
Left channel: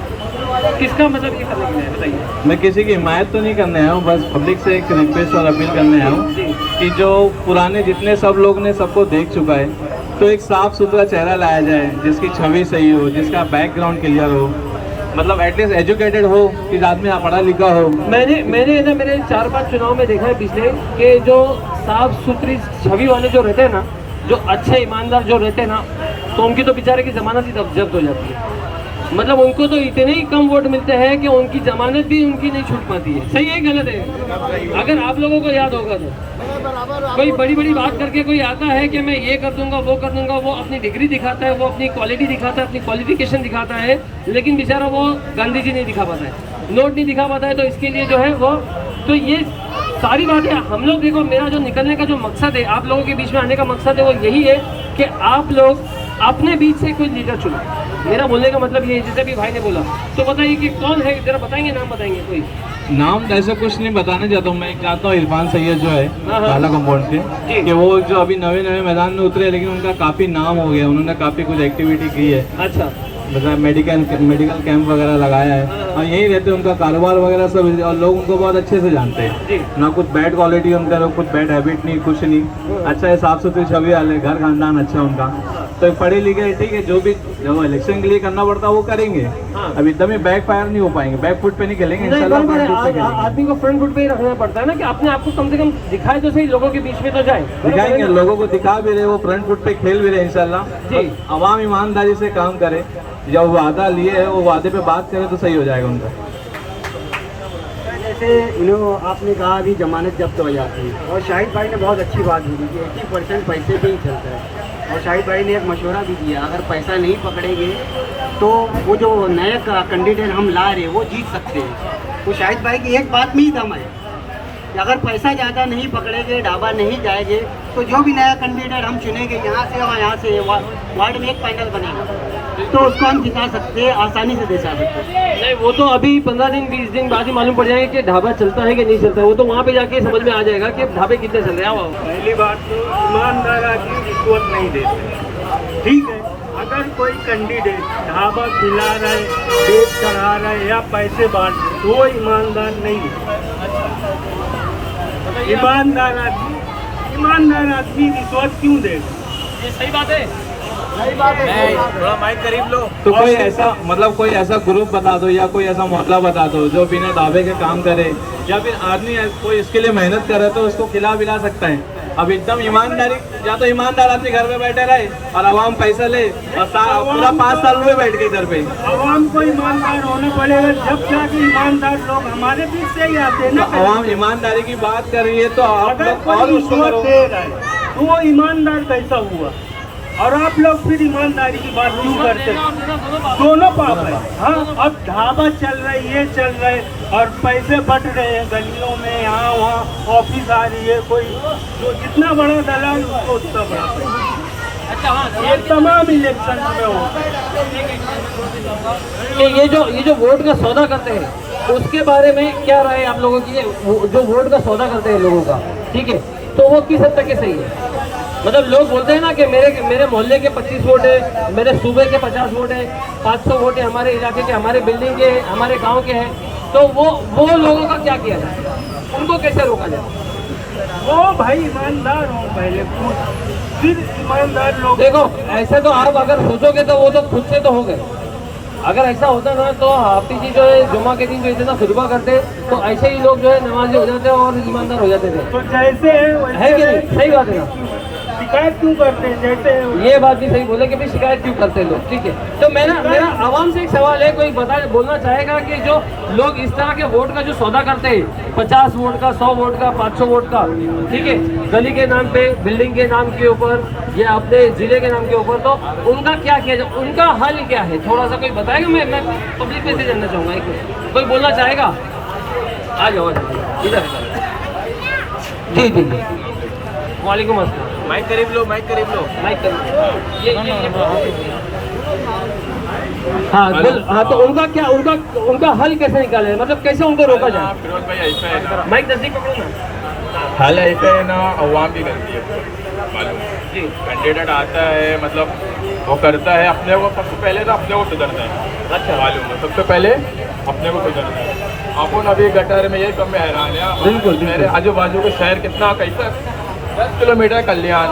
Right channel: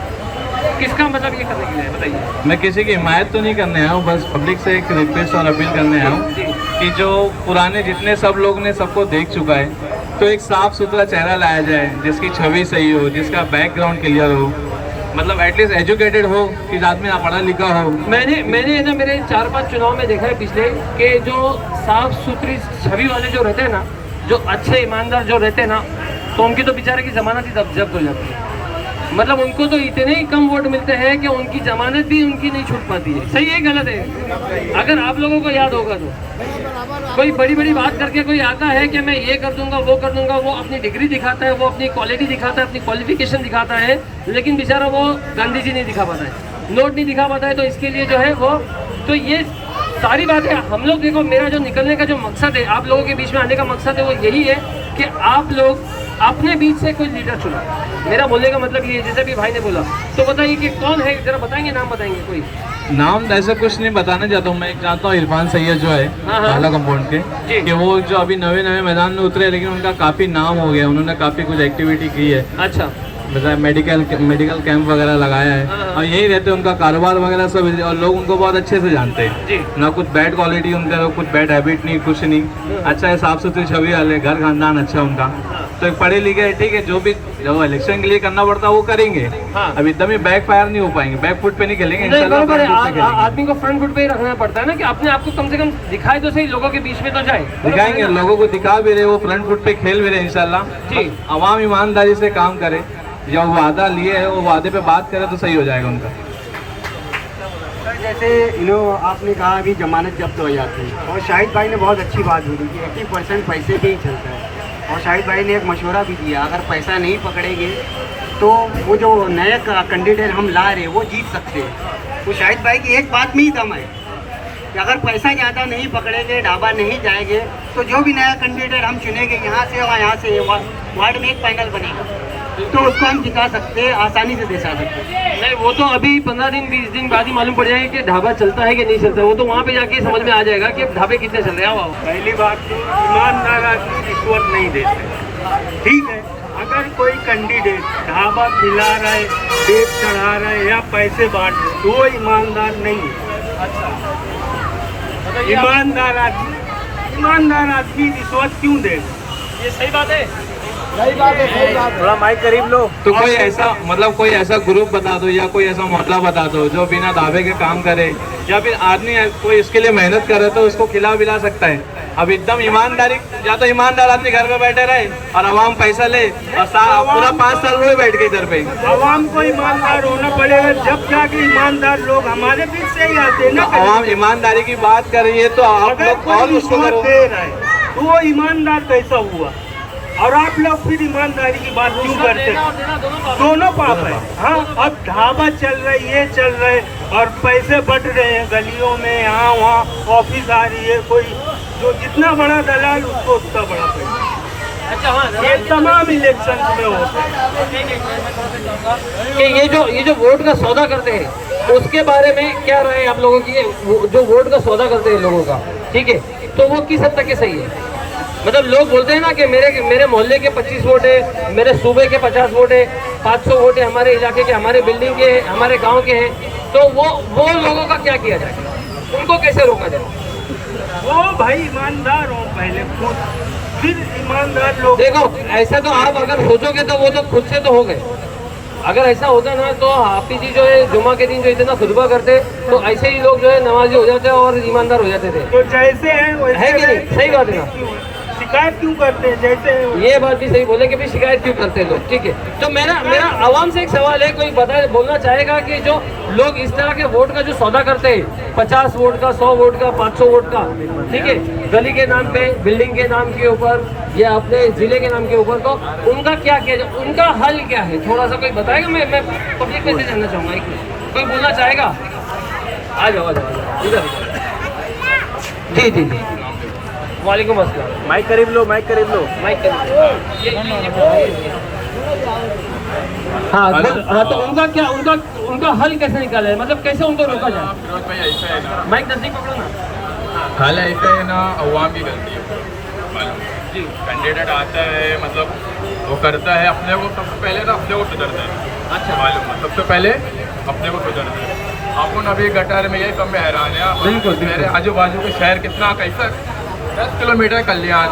किसका मतलब ये करने के लिए बताइए? मैं किसी की हिमायत तो नहीं करने आया हूँ, बस पब्लिक से एक रिक्वेस्ट और अपील करने आया हूँ कि जो पुराने जितने सब लोग ने सबको देख चुका है, तो एक साफ सुथरा चेहरा लाया जाए जिसकी छवि सही हो, जिसका बैकग्राउंड क्लियर हो, मतलब एटलीस्ट एजुकेटेड हो, कि आदमी पढ़ा लिखा हो। मैंने ना मेरे 4-5 चुनाव में देखा है पिछले कि जो साफ सुथरी छवि वाले जो रहते हैं ना, जो अच्छे ईमानदार जो रहते हैं ना, तो उनकी तो बेचारे की जमानत ही जब्त हो जाती है। मतलब उनको तो इतने ही कम वोट मिलते हैं कि उनकी जमानत भी उनकी नहीं छूट पाती है। सही है गलत है? अगर आप लोगों को याद होगा तो कोई बड़ी बड़ी बात करके कोई आता है कि मैं ये कर दूंगा वो कर दूंगा, वो अपनी डिग्री दिखाता है, वो अपनी क्वालिटी दिखाता है, अपनी क्वालिफिकेशन दिखाता है, लेकिन बेचारा वो गांधी जी नहीं दिखा पाता है, नोट नहीं दिखा पाता है। तो इसके लिए जो है वो, तो ये सारी बातें हम लोग देखो, मेरा जो निकलने का जो मकसद है, आप लोगों के बीच में आने का मकसद है, वो यही है कि आप लोग अपने बीच से कोई लीडर चुनो। मेरा बोलने का मतलब ये, जैसे भी भाई ने बोला, तो बताइए कि कौन है, जरा बताएंगे, नाम बताएंगे कोई? नाम ऐसा कुछ नहीं बताना चाहता हूँ। मैं चाहता हूँ इरफान सैयद जो है हाँ। भाला कंपाउंड के, कि वो जो अभी नवे मैदान में उतरे, लेकिन उनका काफ़ी नाम हो गया, उन्होंने काफ़ी कुछ एक्टिविटी की है। अच्छा, मतलब मेडिकल कैंप वगैरह लगाया है, और यहीं रहते हैं, उनका कारोबार वगैरह सब, और लोग उनको बहुत अच्छे से जानते हैं। ना कुछ बैड क्वालिटी उनका, ना कुछ बैड हैबिट नहीं, कुछ नहीं। अच्छा है, साफ सुथरी छवि वाले, घर खानदान अच्छा उनका। तो एक पढ़े लिखे, ठीक है, जो भी जो इलेक्शन के लिए करना पड़ता है वो करेंगे। अब एकदम ही बैक फायर नहीं हो पाएंगे, बैक फुट पे नहीं खेलेंगे, इंशाल्लाह फ्रंट फुट पे खेलेंगे। आदमी को फ्रंट फुट पे ही रखना पड़ता है ना, कि अपने आप को कम से कम दिखाए तो सही, लोगों के बीच में तो जाए। दिखाएंगे, लोगों को दिखा भी रहे, वो फ्रंट फुट पे खेल भी रहे इंशाल्लाह जी। अवाम ईमानदारी से काम करे, जब वादा लिए है वो वादे पे बात करे तो सही हो जाएगा उनका। जैसे आपने कहा अभी जमानत जब्त हो जाती है, और शाहिद भाई ने बहुत अच्छी बात बोली कि 80% पैसे पे ही चलता है। और शाहिद भाई ने एक मशवरा भी दिया, अगर पैसा नहीं पकड़ेंगे तो वो जो नए कैंडिडेट हम ला रहे हैं वो जीत सकते हैं। तो शाहिद भाई की एक बात में ही दम है कि अगर पैसा ज़्यादा नहीं पकड़ेंगे, ढाबा नहीं जाएंगे, तो जो भी नया कैंडिडेट हम चुनेंगे यहाँ से और यहाँ से वार्ड में एक पैनल बनेगा तो उसको हम जिता सकते हैं, आसानी से जिता सकते हैं। नहीं, वो तो अभी 15 दिन 20 दिन बाद ही मालूम पड़ जाएगा कि ढाबा चलता है कि नहीं चलता है। वो तो वहाँ पे जाके समझ में आ जाएगा कि ढाबे कितने चल रहे हैं। आओ पहली बात तो ईमानदार आदमी रिश्वत नहीं देते, ठीक है। अगर कोई कैंडिडेट ढाबा खिला रहा है, बेच चढ़ा रहा है या पैसे बांट रहे तो वो ईमानदार नहीं है। ईमानदार आदमी रिश्वत क्यों देगा? ये सही बात है। थोड़ा माइक करीब लो। तो कोई ऐसा मतलब कोई ऐसा ग्रुप बता दो या कोई ऐसा मोहल्ला बता दो जो बिना दावे के काम करे, या फिर आदमी कोई इसके लिए मेहनत करे तो उसको खिला पिला सकता है। अब एकदम ईमानदारी, या तो ईमानदार आदमी घर पे बैठे रहे और आवाम पैसा ले और पूरा 5 साल हुए बैठ के इधर पे। आवाम को ईमानदार होना पड़ेगा, जब जाके ईमानदार लोग हमारे बीच से ही आते हैं ना। आवाम ईमानदारी की बात कर रही है तो आप लोग और उसको दे रहा है तो वो ईमानदार कैसा हुआ? और आप लोग फिर ईमानदारी की बात क्यों करते हैं? दोनों पाप है। हाँ, अब ढाबा चल रहा है, ये चल रहा है और पैसे बट रहे हैं गलियों में, यहाँ वहाँ ऑफिस आ रही है, कोई जो जितना बड़ा दलाल उसको उतना बड़ा पैसा। अच्छा, हाँ, ये तमाम इलेक्शन में होता है कि ये जो वोट का सौदा करते हैं उसके बारे में क्या राय आप लोगों की? जो वोट का सौदा करते हैं लोगों का, ठीक है, तो वो किस हद तक के सही है? मतलब लोग बोलते हैं ना कि मेरे मोहल्ले के 25 वोट है, मेरे सूबे के 50 वोट है, 500 वोट है हमारे इलाके के, हमारे बिल्डिंग के, हमारे गांव के हैं। तो वो लोगों का क्या किया जाए? उनको कैसे रोका जाए? वो भाई ईमानदार हो पहले खुद, फिर ईमानदार लोग। देखो, ऐसा तो आप अगर सोचोगे तो वो तो खुद से तो हो गए। अगर ऐसा होता ना तो हाफिज जी जो है जुम्मा के दिन जो इतना खुतबा करते तो ऐसे ही लोग जो है नमाजी हो जाते और ईमानदार हो जाते थे। तो जैसे है कि नहीं? सही बात है ना? शिकायत क्यों करते हैं? जैसे ये बात भी सही बोले कि भी शिकायत क्यों करते हैं लोग, ठीक है। तो मेरा आवाम से एक सवाल है, कोई बोलना चाहेगा कि जो लोग इस तरह के वोट का जो सौदा करते हैं, 50 वोट का, 100 वोट का, 500 वोट का, ठीक है, गली के नाम पे, बिल्डिंग के नाम के ऊपर या अपने जिले के नाम के ऊपर, तो उनका क्या किया जाए? उनका हल क्या है? थोड़ा सा कोई बताएगा? मैं पब्लिक में से जानना चाहूँगा। एक मिनट, कोई बोलना चाहेगा? आ जाओ इधर। जी, वालेकुम अस्सलाम। माइक करीब लो, माइक करीब लो। हाँ, तो उनका हल कैसे निकाला है? मतलब कैसे उनको रोका जाए? माइक नजदीक पकड़ो ना। हाल ऐसा है ना, अवाम की गलती है मालूम। कैंडिडेट आता है, मतलब वो करता है अपने को, सबसे पहले तो अपने को सुधरता है। अच्छा, मालूम है, सबसे पहले अपने को सुधरता है। अपन अभी गटर में यही कम में हैरान है। बिल्कुल, मेरे आजू बाजू के शहर कितना कैसा 10 किलोमीटर कल्याण,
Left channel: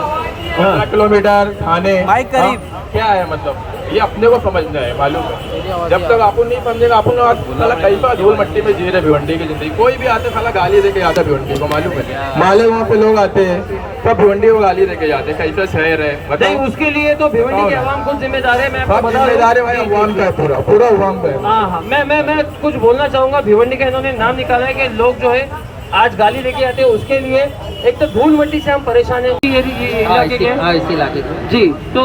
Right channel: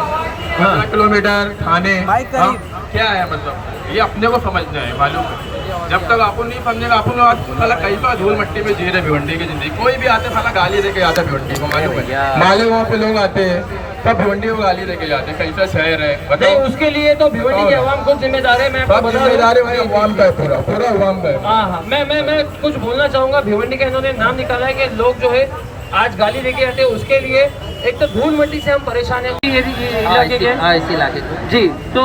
15 किलोमीटर थाने, क्या है? मतलब ये अपने को समझना है, मालूम है। जब तक अपन नहीं समझेगा, अपन लोग साला कैसा धूल मट्टी में जी रहे भिवंडी की जिंदगी। कोई भी आते साला गाली देके आता है भिवंडी को, मालूम है। माले वहाँ पे लोग आते हैं सब भिवंडी को गाली देके जाते हैं, कैसा शहर है बताओ। उसके लिए तो भिवंडी की आवाम खुद जिम्मेदार है। मैं सब जिम्मेदारी अवाम का है, पूरा अवाम का है। हाँ, मैं कुछ बोलना चाहूँगा। भिवंडी का इन्होंने नाम निकाला है कि लोग जो है आज गाली देके आते हैं, उसके लिए एक तो धूल मिट्टी से हम परेशान हैं इलाके जी। तो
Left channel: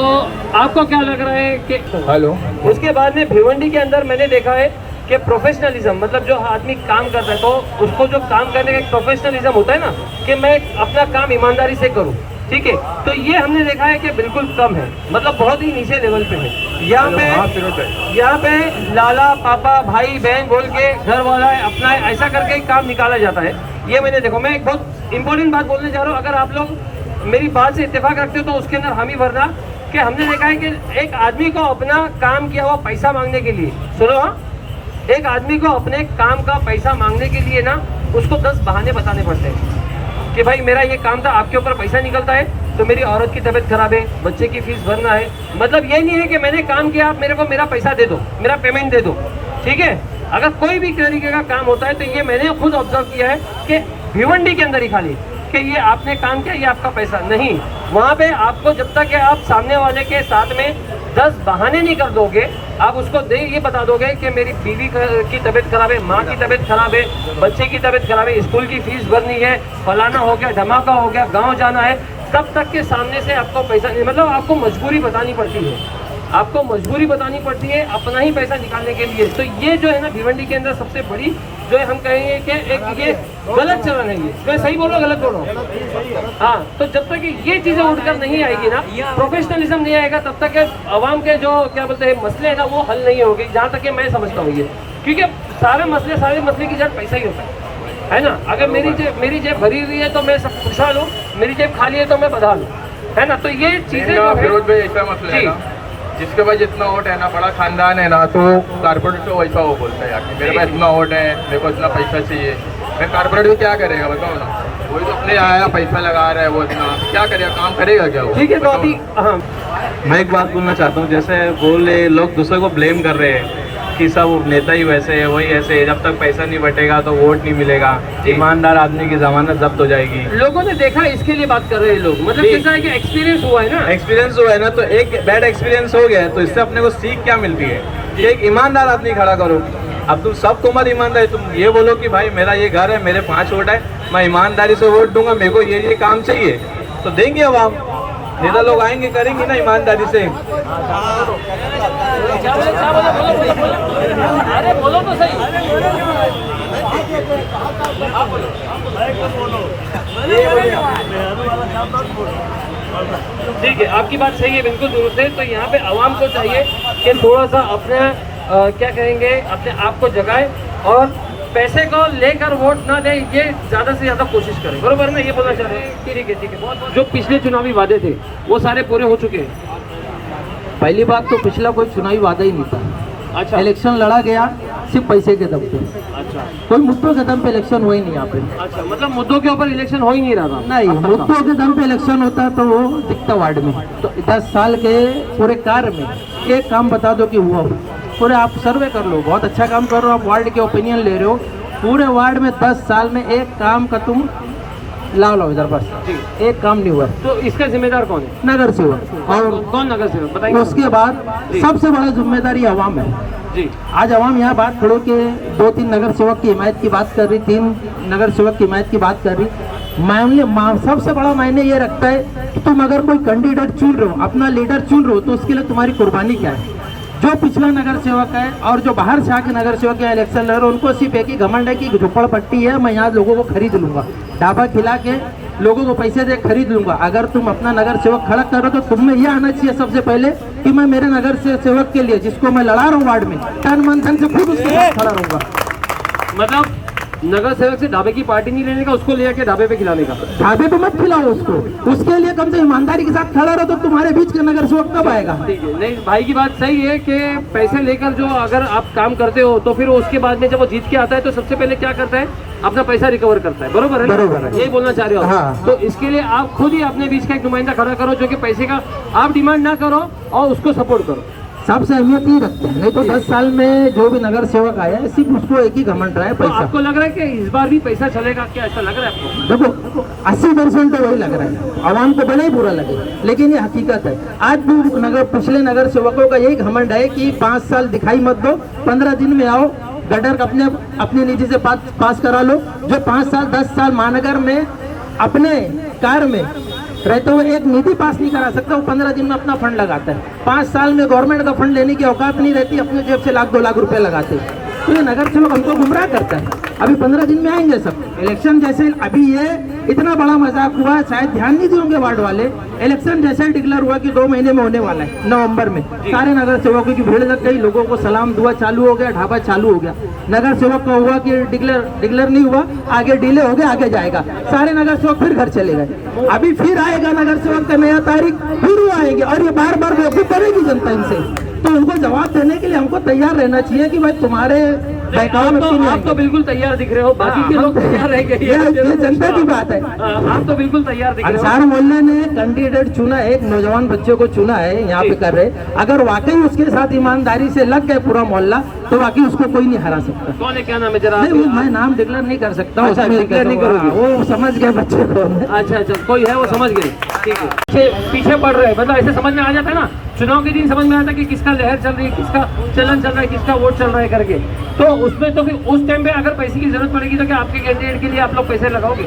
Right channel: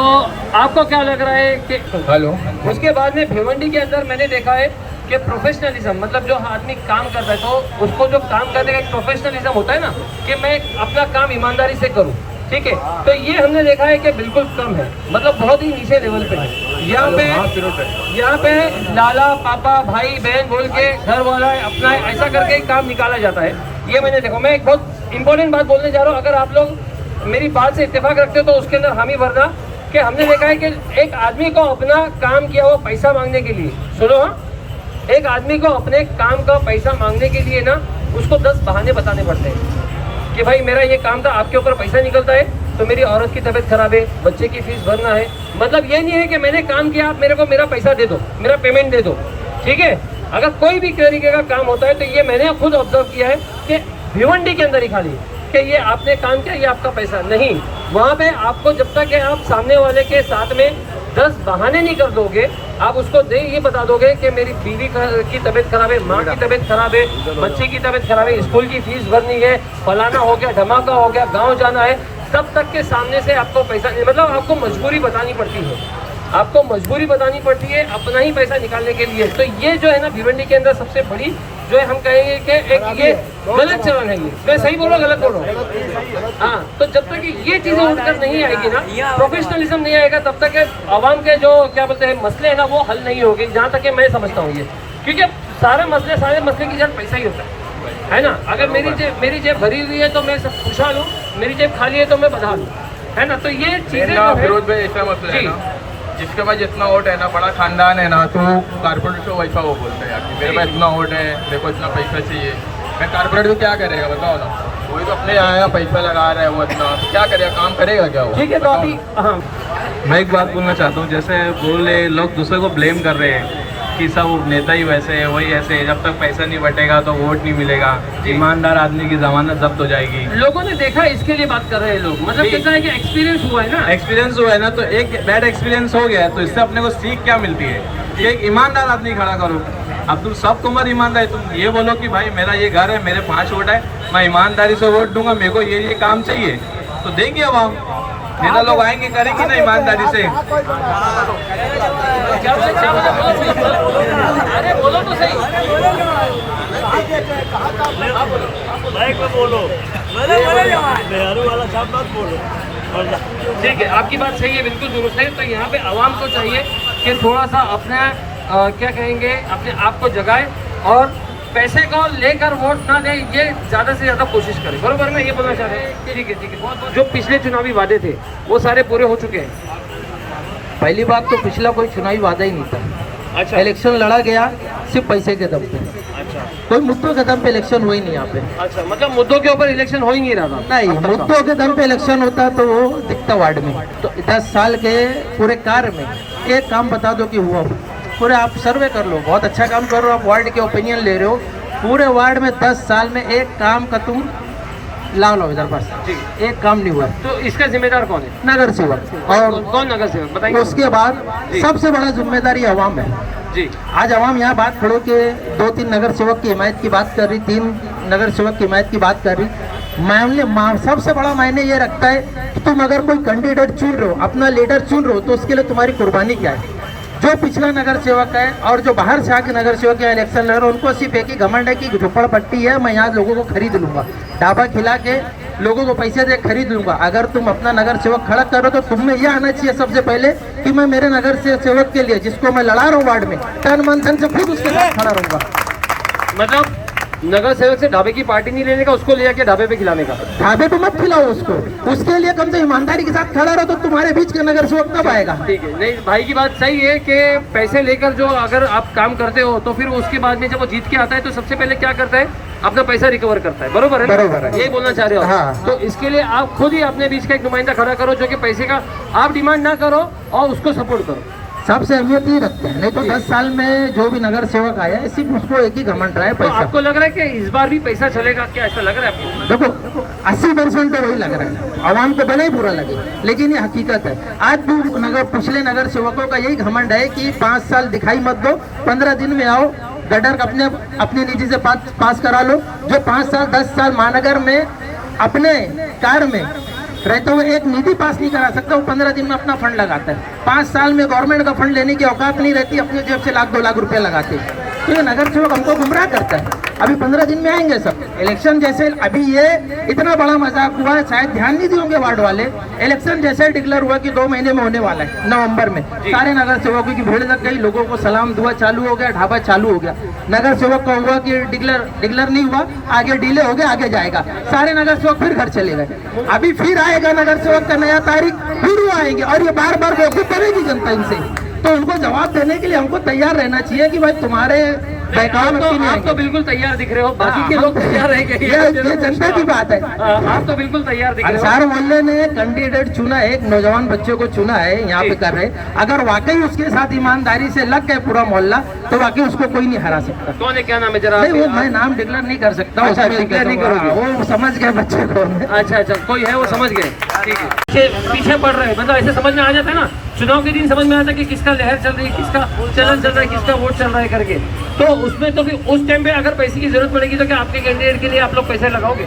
आपको क्या लग रहा है कि हेलो, उसके बाद में भिवंडी के अंदर मैंने देखा है कि प्रोफेशनलिज्म, मतलब जो आदमी काम कर रहा है तो उसको जो काम करने का एक प्रोफेशनलिज्म होता है ना, कि मैं अपना काम ईमानदारी से करूं, ठीक है, तो ये हमने देखा है कि बिल्कुल कम है, मतलब बहुत ही नीचे लेवल पे है। यहाँ पे लाला पापा भाई बहन बोल के घर वाला अपना ऐसा करके काम निकाला जाता है। ये मैंने देखो। मैं एक बहुत इंपॉर्टेंट बात बोलने जा रहा हूँ, अगर आप लोग मेरी बात से इत्तेफाक रखते हो तो उसके अंदर हामी भरना कि हमने देखा है कि एक आदमी को अपना काम किया हुआ पैसा मांगने के लिए, सुनो हाँ, एक आदमी को अपने काम का पैसा मांगने के लिए ना उसको 10 बहाने बताने पड़ते हैं कि भाई मेरा ये काम था, आपके ऊपर पैसा निकलता है, तो मेरी औरत की तबीयत खराब है, बच्चे की फीस भरना है। मतलब ये नहीं है कि मैंने काम किया, आप मेरे को मेरा पैसा दे दो, मेरा पेमेंट दे दो, ठीक है। अगर कोई भी तरीके का काम होता है तो ये मैंने खुद ऑब्जर्व किया है कि भिवंडी के अंदर ही खाली कि ये आपने काम किया, ये आपका पैसा नहीं। वहाँ पे आपको जब तक आप सामने वाले के साथ में 10 बहाने नहीं कर दोगे, आप उसको ये बता दोगे कि मेरी बीवी की तबीयत खराब है, माँ की तबीयत खराब है, बच्चे की तबीयत खराब है, स्कूल की फीस भरनी है, फलाना हो गया, धमाका हो गया, गांव जाना है, तब तक के सामने से आपको पैसा नहीं, मतलब आपको मजबूरी बतानी पड़ती है, आपको मजबूरी बतानी पड़ती है अपना ही पैसा निकालने के लिए। तो ये जो है ना भिवंडी के अंदर सबसे बड़ी जो है हम कहेंगे कि एक ये गलत चलन है। ये मैं सही बोल रहा हूँ गलत बोल रहा हूँ? हाँ, तो जब तक ये चीज़ें उठकर नहीं आएगी ना, प्रोफेशनलिज्म नहीं आएगा, तब तक आवाम के जो क्या बोलते हैं मसले है ना वो हल नहीं होगी, जहाँ तक कि मैं समझता हूँ ये। क्योंकि सारे मसले की जड़ पैसा ही होता है ना। अगर मेरी जेब भरी हुई है तो मैं सब खुशहाल हूँ, मेरी जेब खाली है तो मैं बदहाल हूँ, है ना। तो ये चीज़ें फिरोज भाई ऐसा मसला है ना, जिसके पास जितना वोट है ना, बड़ा खानदान है ना, तो कारपोरेटर से वैसा वो बोलता है यार मेरे पास इतना वोट है, मेरे को इतना पैसा चाहिए। मैं कारपोरेटर को क्या करेगा बताओ ना, वही तो अपने आया पैसा लगा रहे हैं, वो इतना क्या करेगा, काम करेगा क्या वो? ठीक है, तो अभी हाँ मैं एक बात बोलना चाहता हूँ, जैसे बोल रहे लोग दूसरे को ब्लेम कर रहे हैं कि सब नेता ही वैसे है, वही ऐसे है, जब तक पैसा नहीं बटेगा तो वोट नहीं मिलेगा, ईमानदार आदमी की जमानत जब्त हो जाएगी। लोगों ने देखा, इसके लिए बात कर रहे हैं लोग, मतलब कैसा है कि एक्सपीरियंस हुआ है ना, एक्सपीरियंस हुआ है ना, तो एक बैड एक्सपीरियंस हो गया है, तो इससे अपने को सीख क्या मिलती है कि एक ईमानदार आदमी खड़ा करो। अब तुम सबको मत ईमानदारी, तुम ये बोलो कि भाई मेरा ये घर है, मेरे 5 वोट है, मैं ईमानदारी से वोट दूंगा, मेरे को ये काम चाहिए, तो देंगे अवाम, नेता लोग आएंगे करेंगे ना ईमानदारी से। अरे बोलो तो सही, ठीक है, आपकी बात सही है, बिल्कुल दुरुस्त है। तो यहाँ पे आवाम को चाहिए कि थोड़ा सा अपने क्या कहेंगे, अपने आप को जगाए और पैसे को लेकर वोट ना दें, ये ज़्यादा से ज़्यादा कोशिश करें। बरोबर मैं ये बोलना चाह रहे हैं? ठीक है। जो पिछले चुनावी वादे थे वो सारे पूरे हो चुके हैं। पहली बात तो पिछला कोई चुनावी वादा ही नहीं था। अच्छा, इलेक्शन लड़ा गया सिर्फ पैसे के दम पे, अच्छा, कोई मुद्दों के दम पे इलेक्शन हुई नहीं यहाँ पे। अच्छा, मतलब मुद्दों के ऊपर इलेक्शन हो ही नहीं रहा था? नहीं, मुद्दों के दम पे इलेक्शन होता तो वो दिखता वार्ड में। तो 10 साल के पूरे कार्य में एक काम बता दो कि हुआ हो। पूरे आप सर्वे कर लो, बहुत अच्छा काम कर रहे हो आप, वार्ड के ओपिनियन ले रहे हो, पूरे वार्ड में 10 साल में एक काम का तुम लाओ इधर बस एक काम नहीं हुआ। तो इसका जिम्मेदार कौन है? नगर सेवक। और कौन नगर सेवक बताएंगे? उसके बाद सबसे बड़ा जिम्मेदारी आवाम है जी। आज आवाम यहाँ बात खड़ो के 2-3 नगर सेवक की हिमायत की बात कर रही, 3 नगर सेवक की हिमायत की बात कर रही। मामले सबसे बड़ा मायने ये रखता है कि तुम अगर कोई कैंडिडेट चुन रहे हो, अपना लीडर चुन रहे हो, तो उसके लिए तुम्हारी कुर्बानी क्या है। जो पिछला नगर सेवक है और जो बाहर से आके नगर सेवक या इलेक्शन लड़ रहे हैं, उनको सिर्फ एक ही घमंड है कि झोपड़पट्टी है, मैं यहाँ लोगों को खरीद लूंगा, ढाबा खिला के लोगों को पैसे दे खरीद लूंगा। अगर तुम अपना नगर सेवक खड़ा करो तो तुम्हें यह आना चाहिए सबसे पहले कि मैं मेरे नगर सेवक के लिए, जिसको मैं लड़ा रहा हूँ वार्ड में, तन मन धन से खुद उसके साथ खड़ा रहूंगा। मतलब नगर सेवक से ढाबे की पार्टी नहीं लेने का, उसको ले जाके ढाबे पे खिलाने का। ढाबे पे मत खिलाओ उसको, उसके लिए कम से ईमानदारी के साथ खड़ा रहो, तो तुम्हारे बीच का नगर सेवक कब आएगा। ठीक है, नहीं भाई की बात सही है कि पैसे लेकर जो अगर आप काम करते हो तो फिर उसके बाद में जब वो जीत के आता है तो सबसे पहले क्या करता है, अपना पैसा रिकवर करता है। बरोबर है? बरोबर है, यही बोलना चाह रहे हो? हाँ। तो इसके लिए आप खुद ही अपने बीच का एक नुमाइंदा खड़ा करो जो कि पैसे का आप डिमांड ना करो और उसको सपोर्ट करो। सबसे अहमियत ये रखते हैं। नहीं तो 10 साल में जो भी नगर सेवक आया है सिर्फ उसको एक ही घमंड रहा है तो पैसा। आपको लग रहा है कि इस बार भी पैसा चलेगा क्या, ऐसा लग रहा है आपको? देखो 80% तो वही लग रहा है, आवाम को भले ही बुरा लगे, लेकिन ये हकीकत है। आज भी पिछले नगर सेवकों का यही घमंड है कि 5 साल दिखाई मत दो, 15 दिन में आओ, गटर अपनी निधि से पास करा लो। जो 5 साल 10 साल महानगर में अपने कार्य में रहते हुए एक निधि पास नहीं करा सकता, वो 15 दिन में अपना फंड लगाता है। 5 साल में गवर्नमेंट का फंड लेने की औकात नहीं रहती, अपने जेब से 1-2 लाख रुपए लगाते। तो ये नगर सेवक हमको गुमराह करता है। अभी 15 दिन में आएंगे सब इलेक्शन जैसे, अभी ये इतना बड़ा मजाक हुआ है, शायद ध्यान नहीं दिए होंगे वार्ड वाले। इलेक्शन जैसे डिक्लेयर हुआ कि 2 महीने में होने वाला है, नवंबर में, सारे नगर सेवकों की भीड़ लग गई, लोगों को सलाम दुआ चालू हो गया, ढाबा चालू हो गया। नगर सेवक का हुआ कि डिक्लेयर नहीं हुआ, आगे डिले हो गया, आगे जाएगा, सारे नगर सेवक फिर घर चले गए। अभी फिर आएगा नगर सेवक का नया तारीख, फिर वो आएंगे और ये बार बार बेवकूफ करेगी जनता इनसे। तो उनको जवाब देने के लिए हमको तैयार रहना चाहिए कि भाई तुम्हारे बहकावे व्यक्ति नहीं आप तो आएंगे। बिल्कुल तैयार दिख रहे हो, बाकी के लोग तैयार रह गए। ये जनता की बात है। आप तो बिल्कुल तैयार दिख रहे हो। अंसार मोहल्ले ने कैंडिडेट चुना है, एक नौजवान बच्चे को चुना है यहाँ पे कर रहे। अगर वाकई उसके साथ ईमानदारी से लग गए पूरा मोहल्ला तो वाकई उसको कोई नहीं हरा सकता। कौन है, क्या नाम है जरा? नहीं वो मैं नाम डिक्लेयर नहीं कर सकता। अच्छा, declare नहीं करोगे? वो समझ गए बच्चे को। अच्छा, कोई है वो समझ गए, ठीक है। पीछे पड़ रहे हैं, मतलब ऐसे समझ में आ जाता है ना, चुनाव के दिन समझ में आता है कि किसका लहर चल रही है, किसका चलन चल रहा है, किसका वोट चल रहा है करके। तो उसमें तो फिर उस टाइम पे अगर पैसे की जरूरत पड़ेगी तो क्या आपके कैंडिडेट के लिए आप लोग पैसे लगाओगे?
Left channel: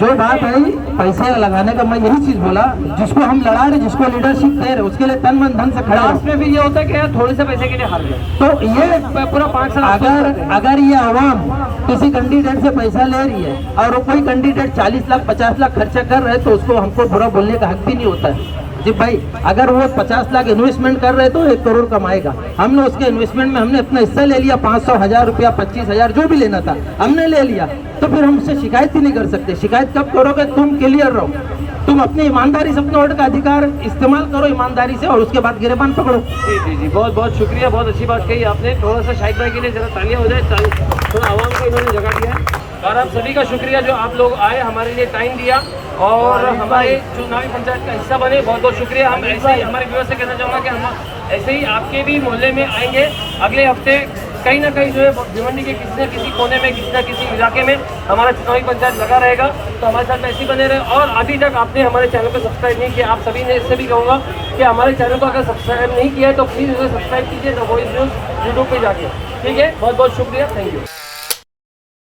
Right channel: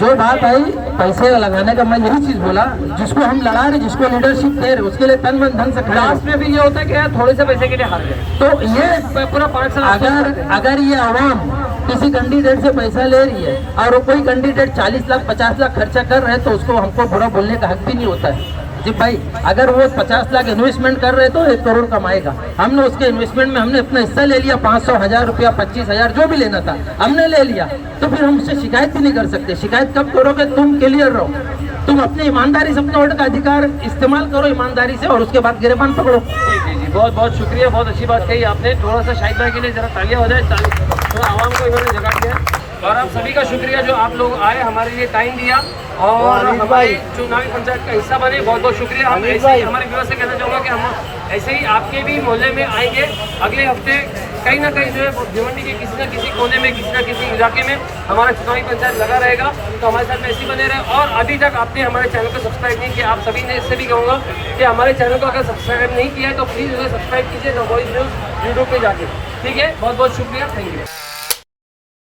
जो बात आई पैसे लगाने का, मैं यही चीज बोला, जिसको हम लड़ा रहे, जिसको लीडरशिप दे रहे, उसके लिए तन मन धन से खड़ा। लास्ट में भी ये होता है कि यार थोड़े से पैसे के लिए हार गए, तो ये पूरा 5 साल अगर ये आवाम किसी कैंडिडेट से पैसा ले रही है और कोई कैंडिडेट 40 लाख 50 लाख खर्चा कर रहे हैं तो उसको हमको बुरा बोलने का हक भी नहीं होता है जी भाई। अगर वो 50 लाख इन्वेस्टमेंट कर रहे तो 1 करोड़ कमाएगा। हमने उसके इन्वेस्टमेंट में हमने अपना हिस्सा ले लिया, 500 1000 रुपया 25,000 जो भी लेना था हमने ले लिया, तो फिर हम उससे शिकायत भी नहीं कर सकते। शिकायत कब करोगे? तुम क्लियर रहो, तुम अपनी ईमानदारी से अपने वोट का अधिकार इस्तेमाल करो ईमानदारी से और उसके बाद गिरेबान पकड़ो। जी, बहुत बहुत शुक्रिया, बहुत अच्छी बात कही आपने। थोड़ा सा शाहिद भाई के लिए जरा तालियां हो जाए, तो आवाम को इन्होंने जगह दिया। और आप सभी का शुक्रिया जो आप लोग आए, हमारे लिए टाइम दिया और हमारे चुनावी पंचायत का हिस्सा बने। बहुत बहुत शुक्रिया। हम ऐसे ही हमारे व्यूअर्स से कहना चाहूँगा कि हम ऐसे ही आपके भी मोहल्ले में आएंगे अगले हफ्ते। कहीं ना कहीं जो है भिवंडी के किसी न किसी कोने में, किसी न किसी इलाके में हमारा चुनावी पंचायत लगा रहेगा, तो हमारे साथ ऐसे ही बने रहे। और अभी तक आपने हमारे चैनल को सब्सक्राइब नहीं किया, आप सभी ने इससे भी कहूँगा कि हमारे चैनल को अगर सब्सक्राइब नहीं किया है तो प्लीज़ उसे सब्सक्राइब कीजिए द वॉइस न्यूज़ यूट्यूब पे जाके। ठीक है, बहुत बहुत शुक्रिया, थैंक यू।